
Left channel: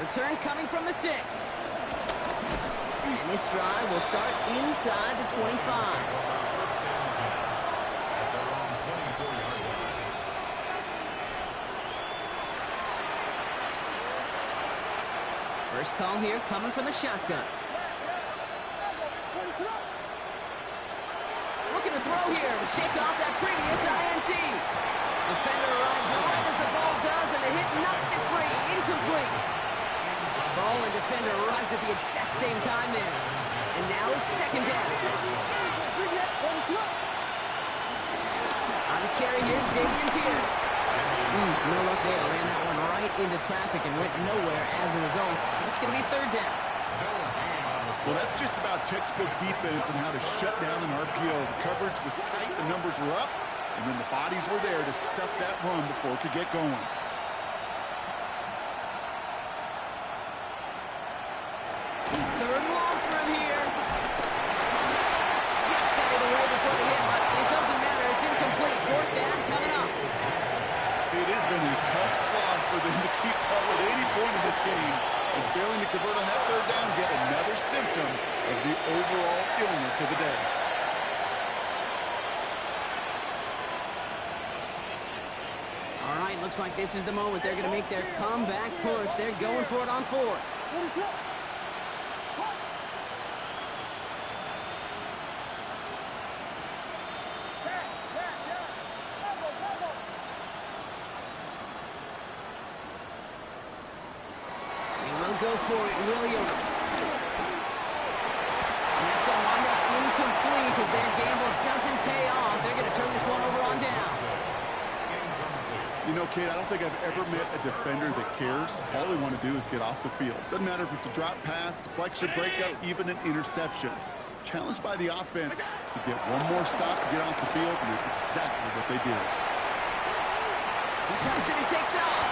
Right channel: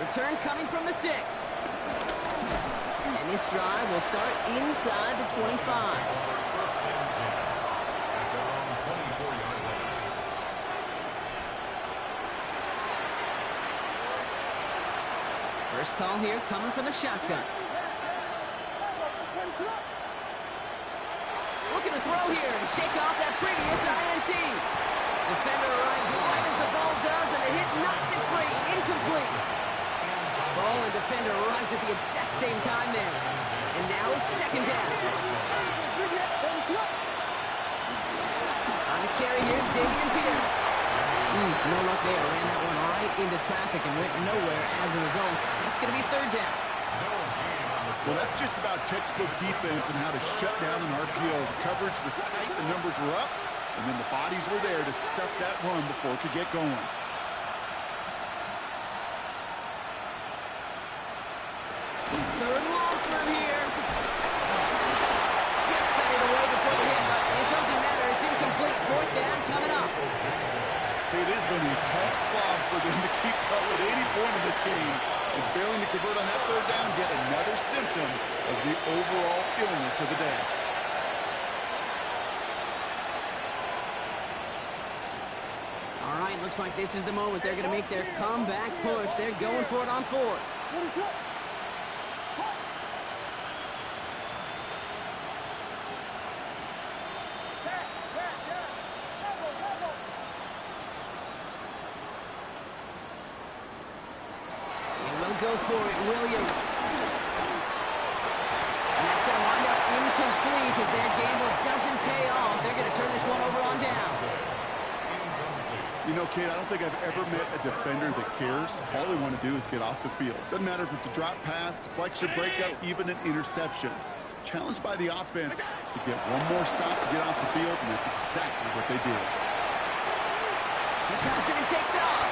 Return coming from the 6. And this drive will start inside the 25. 1st and 10 at their own 24-yard line. First call here coming from the shotgun. Looking to throw here and shake off that previous INT. Defender arrives right as the ball does, and the hit knocks it free. Incomplete. Ball and defender arrived at the exact same time there. And now it's 2nd down. On the carry, here's Davian Pierce. No luck there. Ran that one right into traffic and went nowhere as a result. It's going to be 3rd down. Well, that's just about textbook defense and how to shut down an RPO. The coverage was tight, the numbers were up, and then the bodies were there to stuff that run before it could get going. Third and long from here. Just got it away before the hit, but it doesn't matter. It's incomplete. 4th down coming up. It has been a tough slog for them to keep up with any point in this game. And failing to convert on that 3rd down, get another symptom of the overall illness of the day. All right, looks like this is the moment. They're going to make their comeback push. They're going for it on 4th. Go for it, Williams. And that's going to wind up incomplete as their gamble doesn't pay off. They're going to turn this one over on downs. You know, Kate, I don't think I've ever met a defender that cares. All they want to do is get off the field. Doesn't matter if it's a drop pass, deflection, breakup, even an interception. Challenged by the offense to get one more stop to get off the field, and that's exactly what they did. He tucks it and takes off.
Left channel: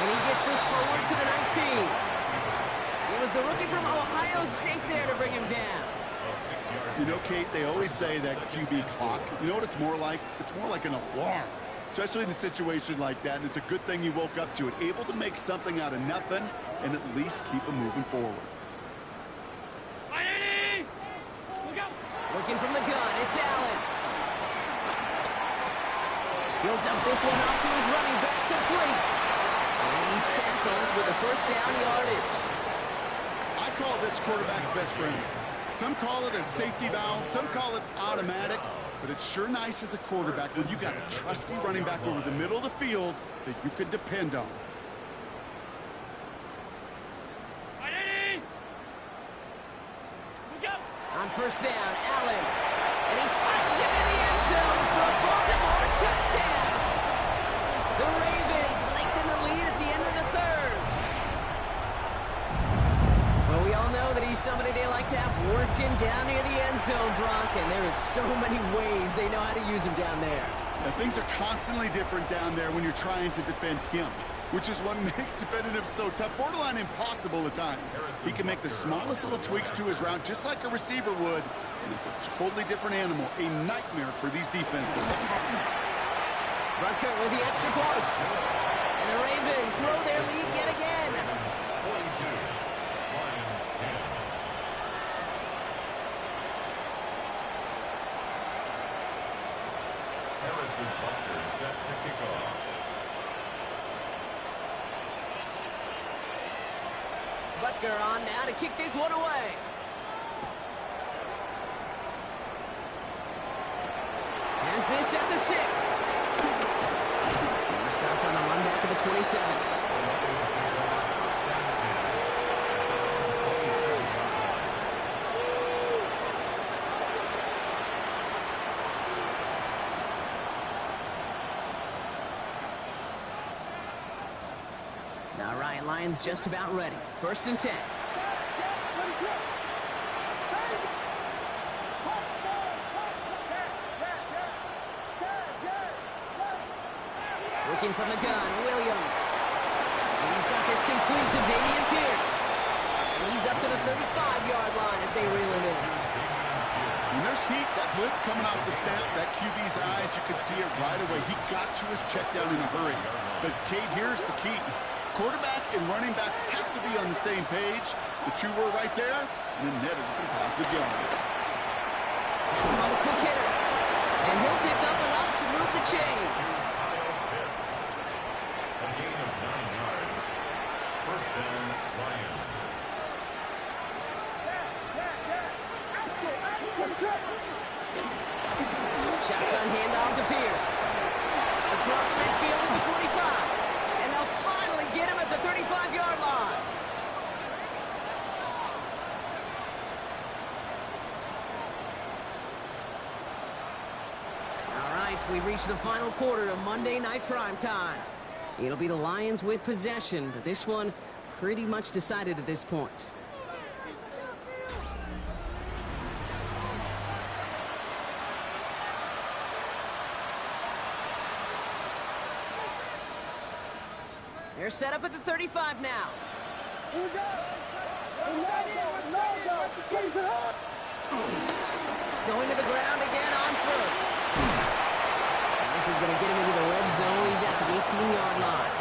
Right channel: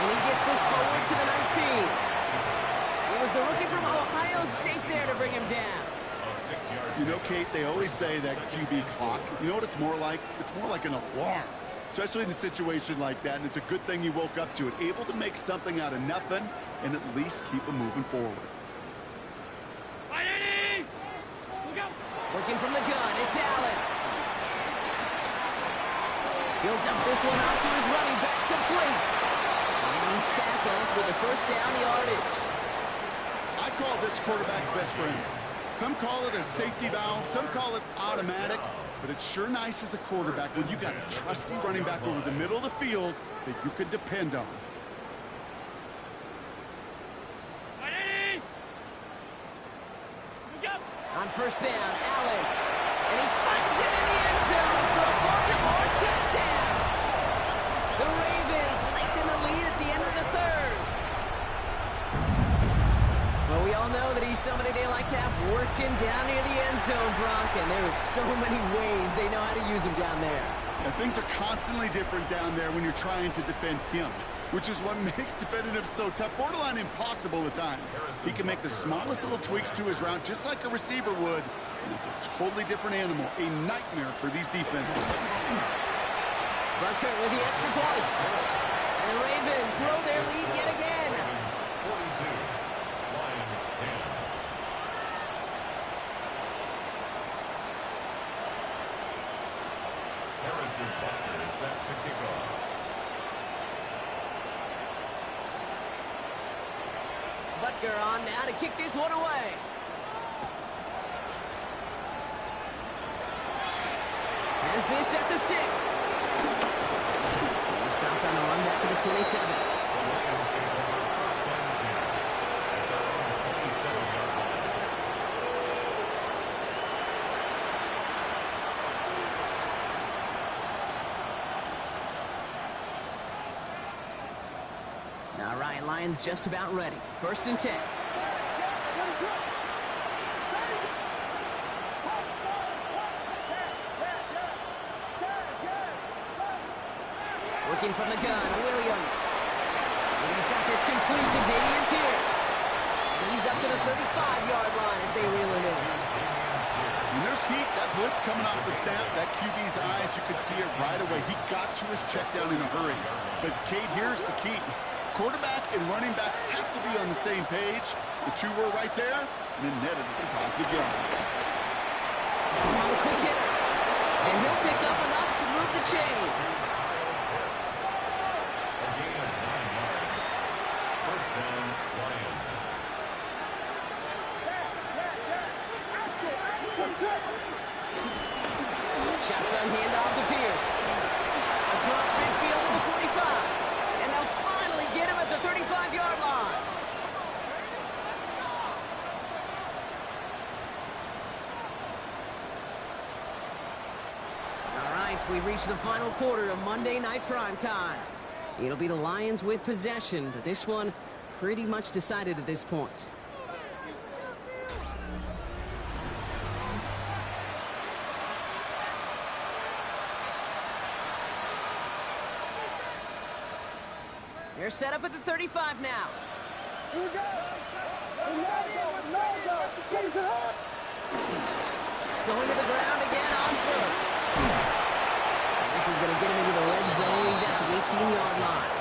And he gets this forward to the 19. It was the rookie from Ohio State there to bring him down. You know, Kate, they always say that QB clock. You know what it's more like? It's more like an alarm, especially in a situation like that. And it's a good thing you woke up to it, able to make something out of nothing and at least keep them moving forward. Working from the gun, it's Allen. He'll dump this one off to his running back, complete. And he's tackled with the first down yardage. I call this quarterback's best friend. Some call it a safety valve, some call it automatic, but it's sure nice as a quarterback when you got a trusty running back over the middle of the field that you can depend on. Ready? Go. On first down, Allen. And he finds him in the end zone for a Baltimore touchdown. The Ravens lengthen the lead at the end of the third. Well, we all know that he's somebody they like to have working down near the end zone, Brock, and there is so many ways they know how to use him down there. And things are constantly different down there when you're trying to defend him, which is what makes defending him so tough, borderline impossible at times. He can make the smallest little tweaks to his route just like a receiver would, and it's a totally different animal, a nightmare for these defenses. Butker with the extra point. And the Ravens grow their lead yet again. Ravens 42, Lions 10. Harrison Butker is set to kick off. Butker on now to kick this one away. Has this at the 6. He stopped on the run back at the 27. The Lions take over first and 10 at their own 27-yard line. All right, Lions just about ready. First and 10. Working from the gun, Williams. And he's got this complete to Dameon Pierce. And he's up to the 35-yard line as they reel him in. When there's heat, that blitz coming off the snap, that QB's eyes, you could see it right away. He got to his check down in a hurry. But, Kate, here's the key. Quarterback and running back have to be on the same page. The two were right there, and then netted some positive yards. That's him on the quick hitter. And he'll pick up enough to move the chains. A gain of 9 yards. First down, Lions. Shotgun handoff to Pierce. Across midfield at the 45. And they'll finally get him at the 35-yard line. All right, we reach the final quarter of Monday Night Primetime. It'll be the Lions with possession, but this one pretty much decided at this point. They're set up at the 35 now. Here we go. Going to the ground again on first. And this is going to get him into the red zone. He's at the 18-yard line.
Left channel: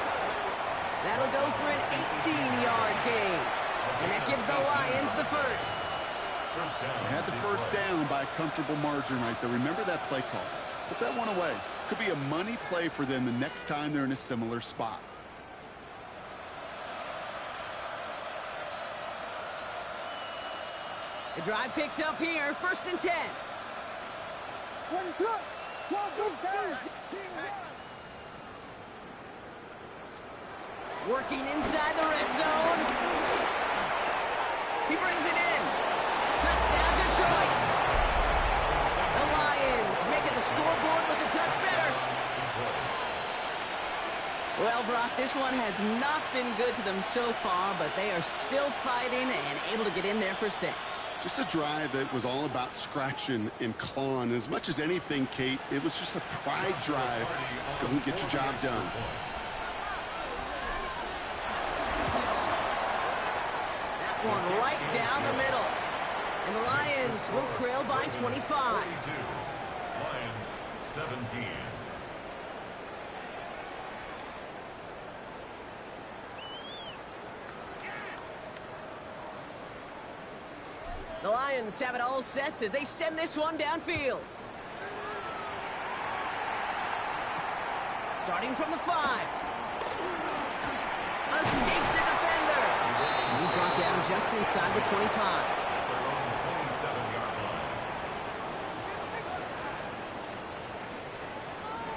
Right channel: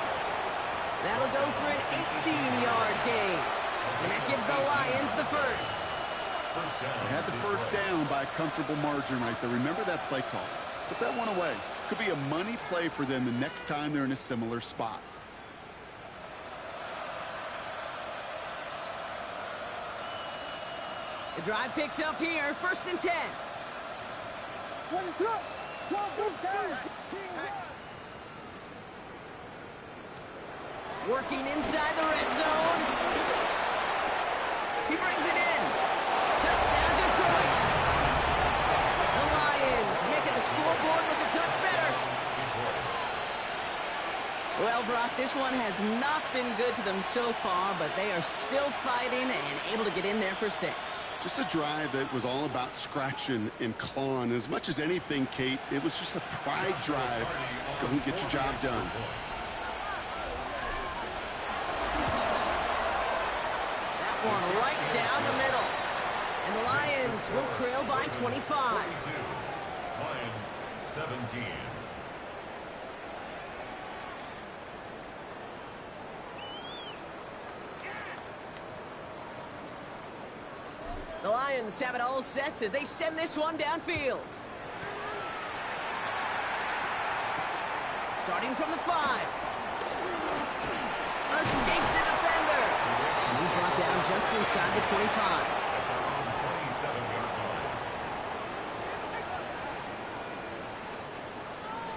That'll go for an 18-yard gain. And that gives the Lions the first. First down. They had the first down by a comfortable margin right there. Remember that play call. Put that one away. Could be a money play for them the next time they're in a similar spot. The drive picks up here, first and 10. 22, 12 down. Working inside the red zone. He brings it in. Touchdown, Detroit. The Lions making the scoreboard look a touch better. Well, Brock, this one has not been good to them so far, but they are still fighting and able to get in there for 6. Just a drive that was all about scratching and clawing. As much as anything, Kate, it was just a pride drive to go and get your job done. That one right down the middle. And the Lions will trail by 25. 42. Lions 17. The Lions have it all set as they send this one downfield. Starting from the 5. Escapes a defender. And he's brought down just inside the 25. At their own 27-yard line.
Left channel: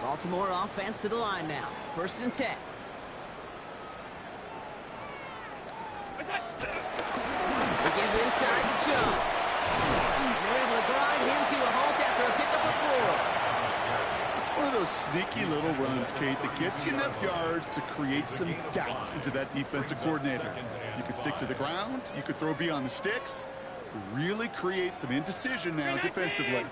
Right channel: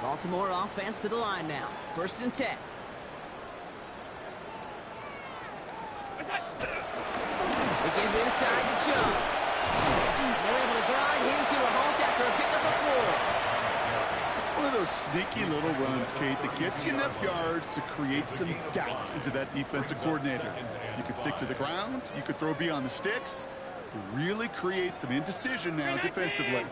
Baltimore offense to the line now. 1st and 10. They give inside to Chubb. And they're able to grind him to a halt after a pickup of 4. It's one of those sneaky little runs, Kate, that gets you enough yards to create some doubt into that defensive coordinator. You could stick to the ground. You could throw beyond the sticks. You really create some indecision now defensively.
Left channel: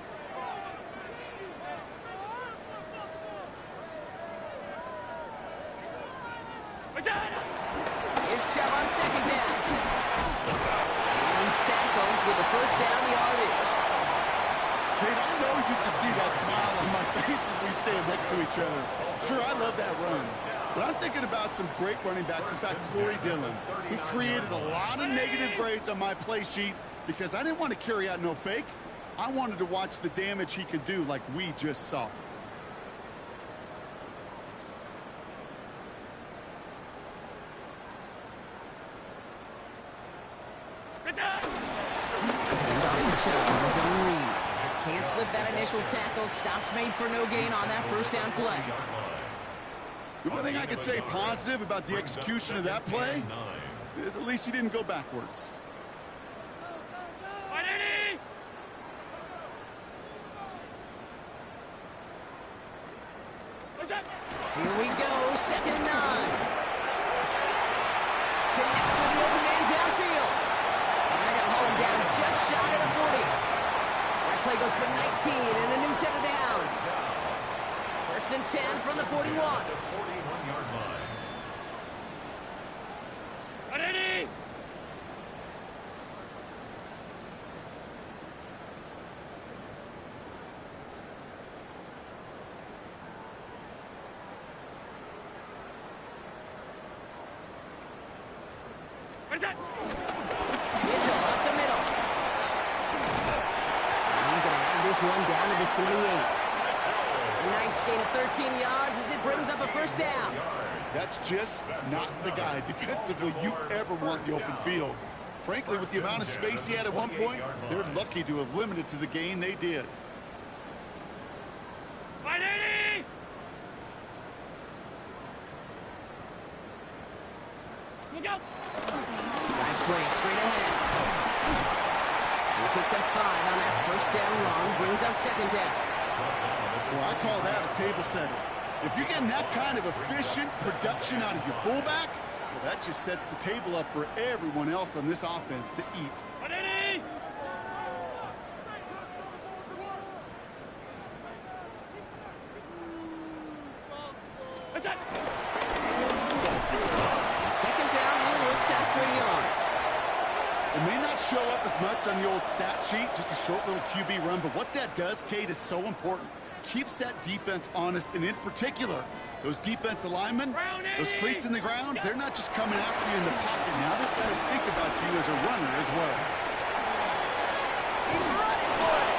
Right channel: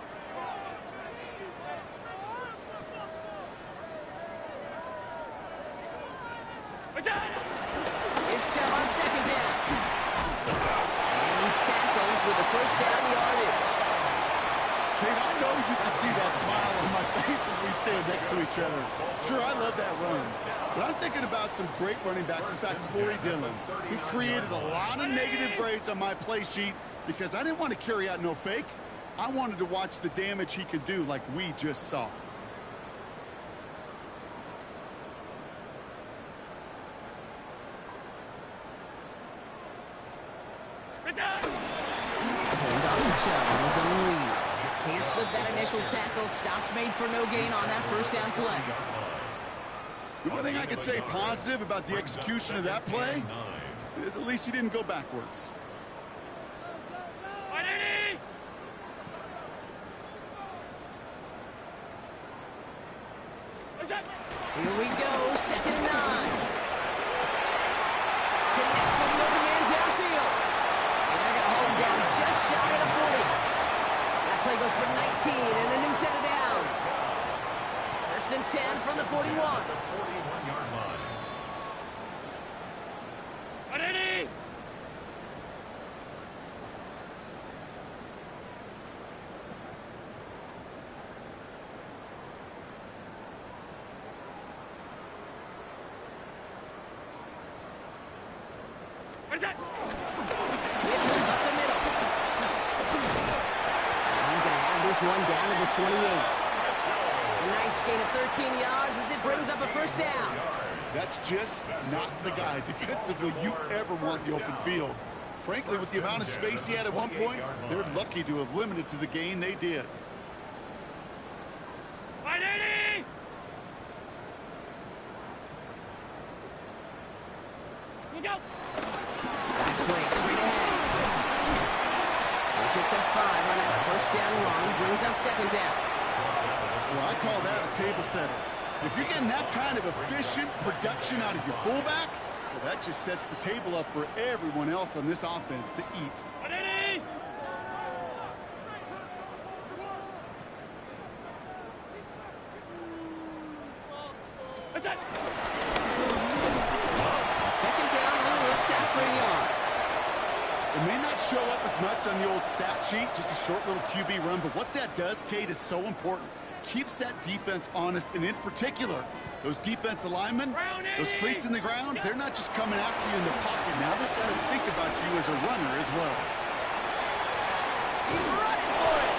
Here's Chubb on 2nd down. And he's tackled with the 1st down yardage. Kate, I know you can see that smile on my face as we stand next to each other. Sure, I love that run. But I'm thinking about some great running backs. In fact, Corey Dillon, who created a lot of negative grades on my play sheet because I didn't want to carry out no fake. I wanted to watch the damage he could do like we just saw. And off to Chubb on his own read. Can't slip that initial tackle. Stops made for no gain on that 1st down play. The one thing I could say positive about the execution of that play is at least he didn't go backwards. Here we go, 2nd and 9. Connects with the open man downfield. And they're going to haul him down just shy of the 40. That play goes for 19 and a new set of downs. 1st and 10 from the 41. The 41-yard line. Ready? Mitchell up the middle. And he's going to have this one down to the 28. A nice gain of 13 yards as it brings up a 1st down. That's just not the guy defensively you ever want the open field. Frankly, with the amount of space he had at one point, they're lucky to have limited to the gain they did. Look out! Back play straight ahead. He picks up 5 on that 1st down run, brings up 2nd down. Well, I call that a table setter. If you're getting that kind of efficient production out of your fullback, well, that just sets the table up for everyone else on this offense to eat. Ready? What's that? 2nd down only works out for a yard. It may not show up as much on the old stat sheet, just a short little QB run, but what that does, Kate, is so important. Keeps that defense honest, and in particular, those defensive linemen, those cleats in the ground, they're not just coming after you in the pocket. Now they've got to think about you as a runner as well. He's running for it.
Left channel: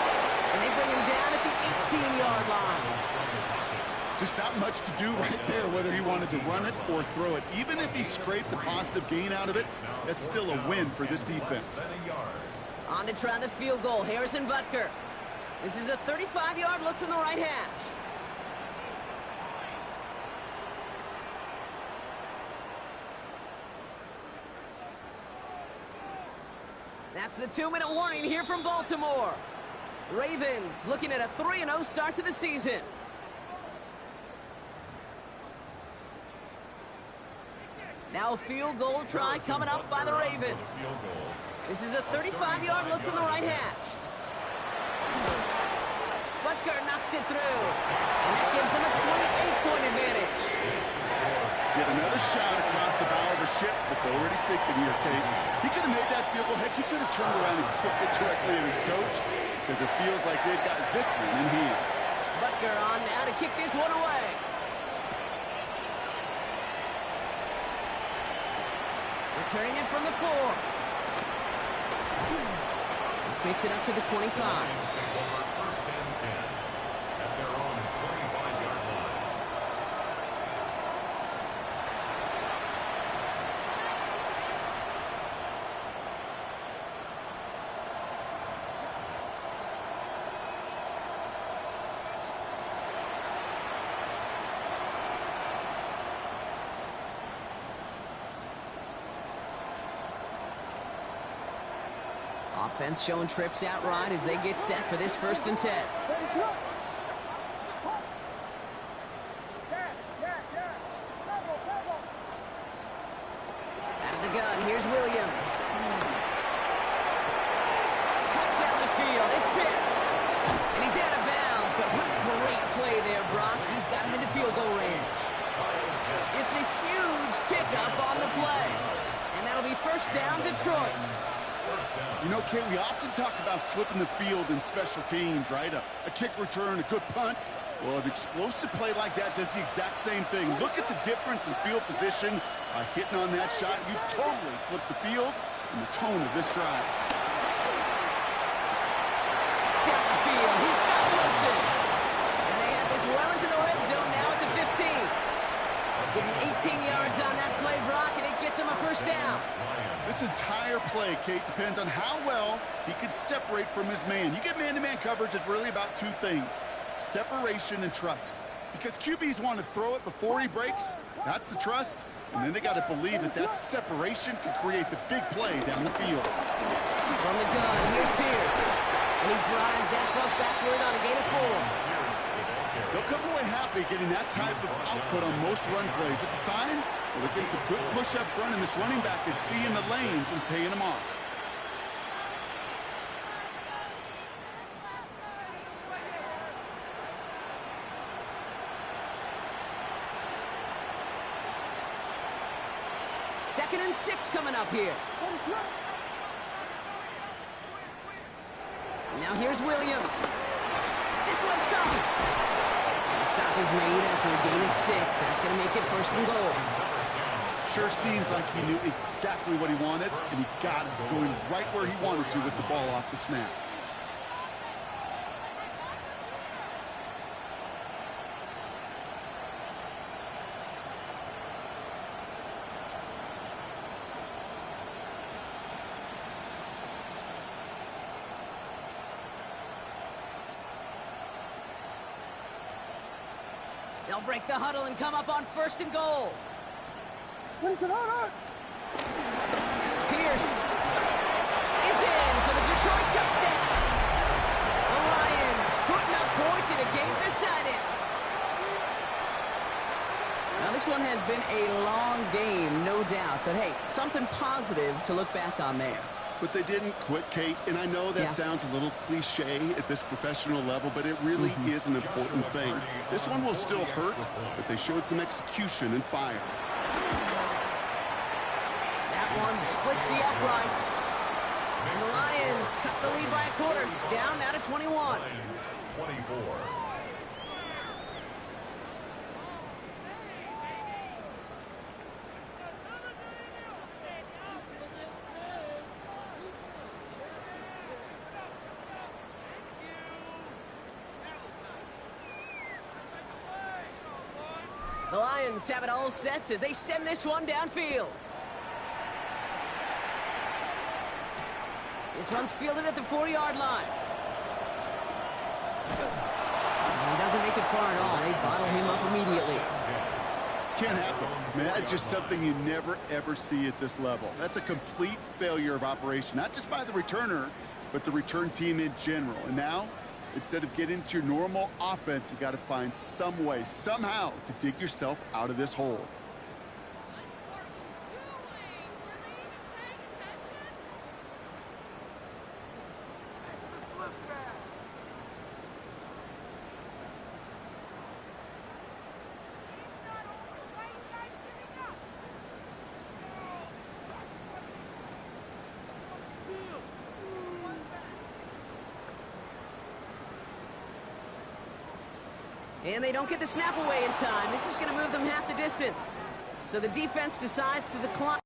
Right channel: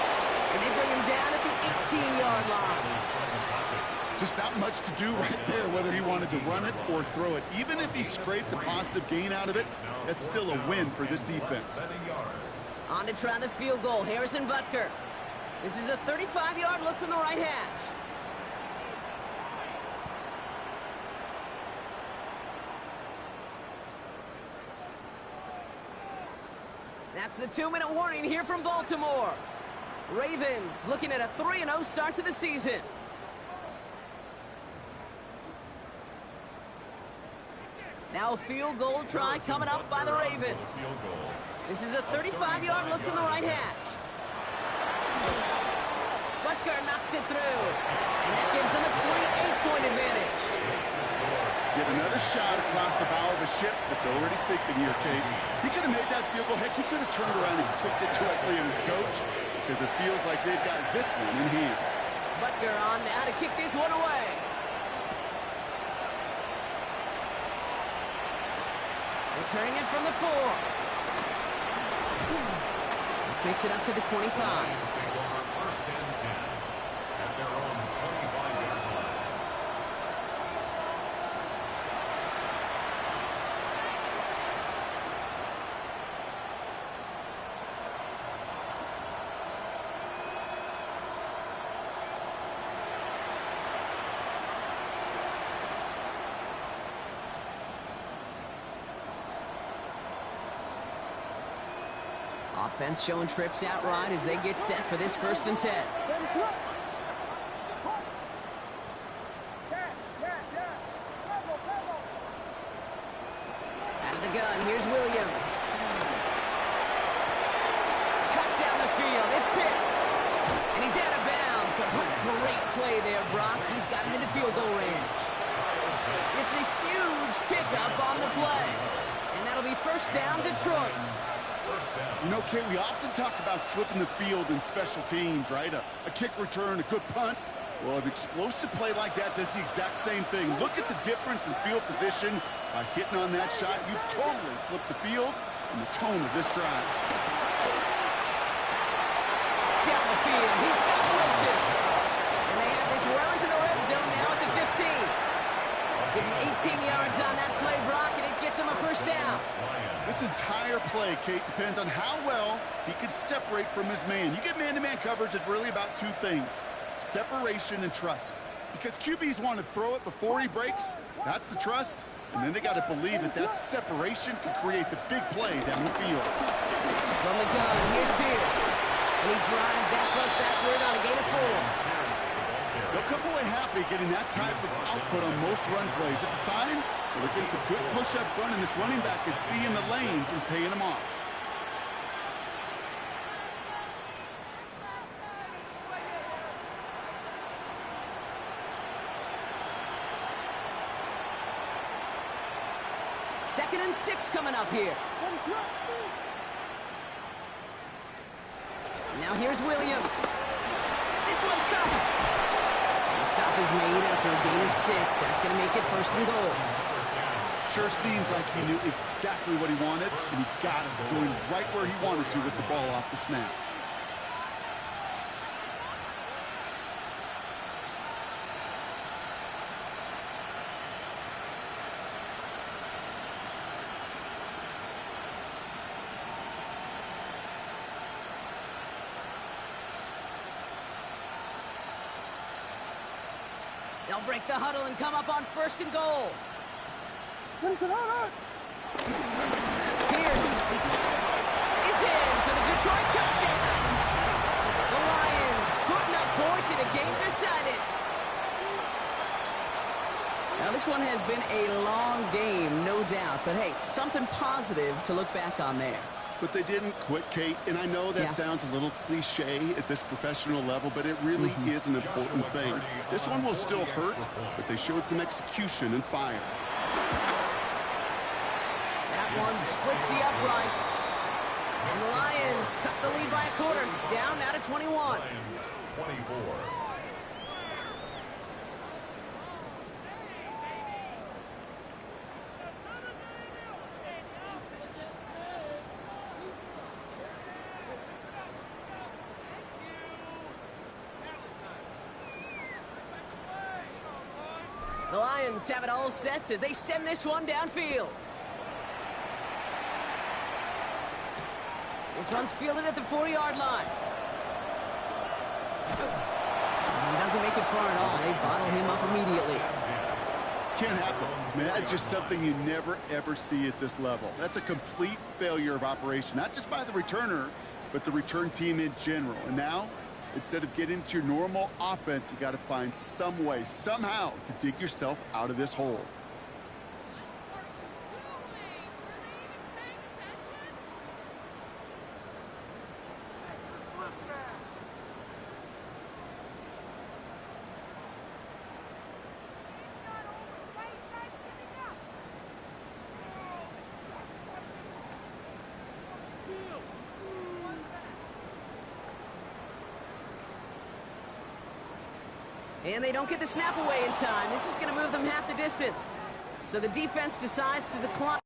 And they bring him down at the 18-yard line. Just not much to do right there, whether he wanted to run it or throw it. Even if he scraped a positive gain out of it, that's still a win for this defense. On to try the field goal, Harrison Butker. This is a 35-yard look from the right hash. That's the 2-minute warning here from Baltimore. Ravens looking at a 3-0 start to the season. Now a field goal try coming up by the Ravens. This is a 35-yard look from the right hash. Butker knocks it through, and that gives them a 28-point advantage. Yet another shot across the bow of a ship that's already sinking here, Kate. He could have made that field goal. Heck, he could have turned around and kicked it directly at his coach because it feels like they've got this one in hand. Butker on now to kick this one away. Returning it from the 4. This makes it up to the 25. First and 10 at their own 25-yard line. Offense showing trips out right as they get set for this 1st and 10. Out of the gun, here's Williams. Cut down the field, it's Pitts. And he's out of bounds, but what a great play there, Brock. He's got him into field goal range. It's a huge pickup on the play. And that'll be 1st down, Detroit. You know, Kate, we often talk about flipping the field in special teams, right? A kick return, a good punt. Well, an explosive play like that does the exact same thing. Look at the difference in field position. By hitting on that shot, you've totally flipped the field and the tone of this drive. Down the field, he's got Wilson. And they have this well into the red zone now at the 15. Give him 18 yards on that play, Brock, and it gets him a 1st down. This entire play, Kate, depends on how well he can separate from his man. You get man-to-man coverage, it's really about 2 things: separation and trust. Because QBs want to throw it before he breaks. That's the trust. And then they got to believe that that separation can create the big play down the field. From the gun, here's Pierce. And he drives that buck backward on a gain of 4. They'll come away happy getting that type of output on most run plays. It's a sign that they're getting some good push up front, and this running back is seeing the lanes and paying them off. Second and 6 coming up here. Now here's Williams. This one's caught. And the stop is made after a gain of 6. That's going to make it 1st and goal. Sure seems like he knew exactly what he wanted, and he got it, going right where he wanted to with the ball off the snap. They'll break the huddle and come up on 1st and goal. Pierce is in for the Detroit touchdown. The Lions putting up points in a game decided. Now, this one has been a long game, no doubt. But, hey, something positive to look back on there. But they didn't quit, Kate, and I know that sounds a little cliche at this professional level, but it really is an important thing. This one will still hurt, but they showed some execution and fire. That one splits the uprights. And the Lions cut the lead by a quarter, down now to 21. Lions 24. The Lions have it all set as they send this one downfield. This one's fielded at the 4-yard line. And he doesn't make it far at all. They bottle him up immediately. Can't happen. Man, that's just something you never, ever see at this level. That's a complete failure of operation, not just by the returner, but the return team in general. And now, instead of getting into your normal offense, you got to find some way, somehow, to dig yourself out of this hole. And they don't get the snap away in time. This is going to move them half the distance. So the defense decides to decline.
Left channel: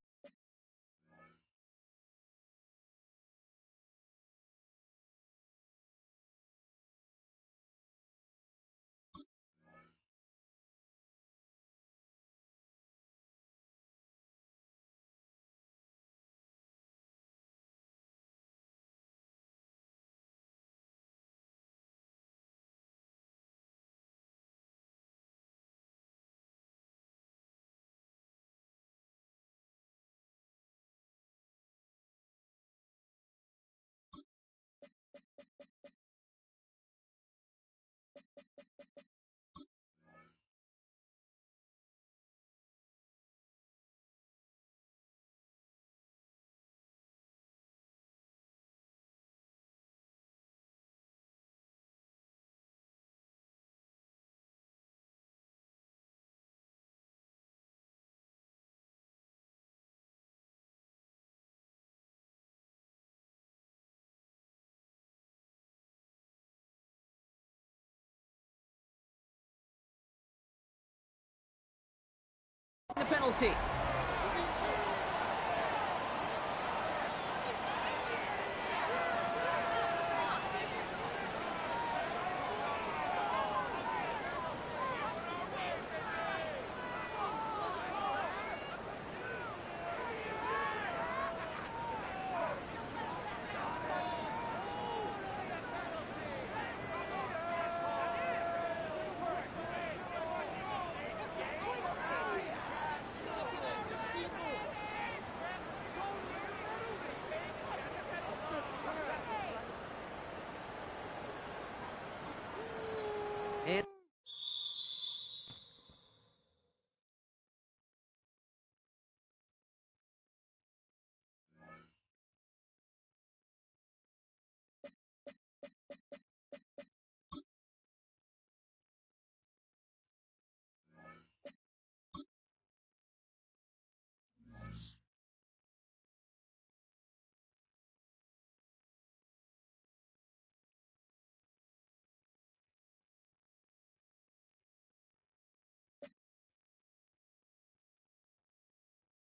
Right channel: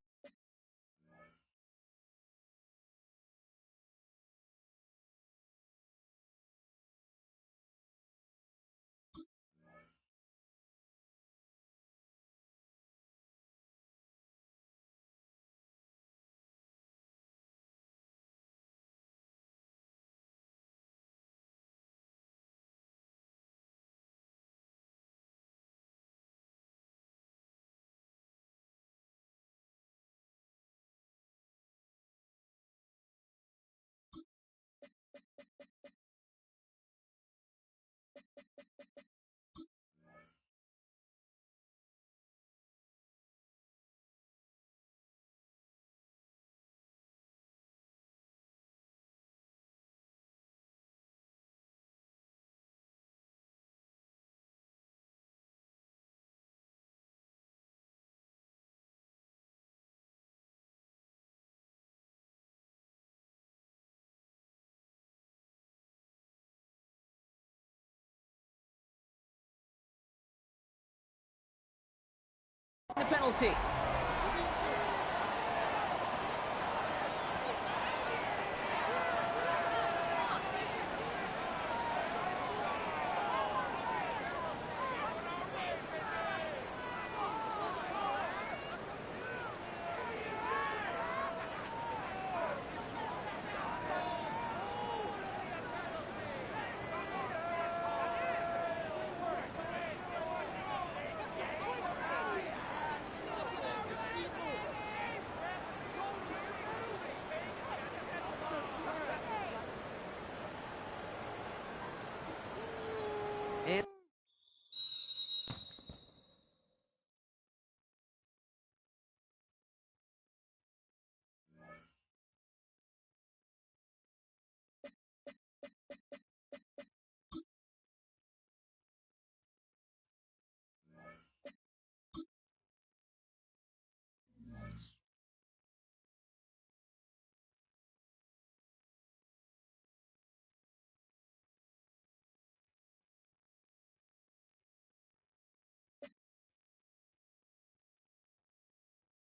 The penalty.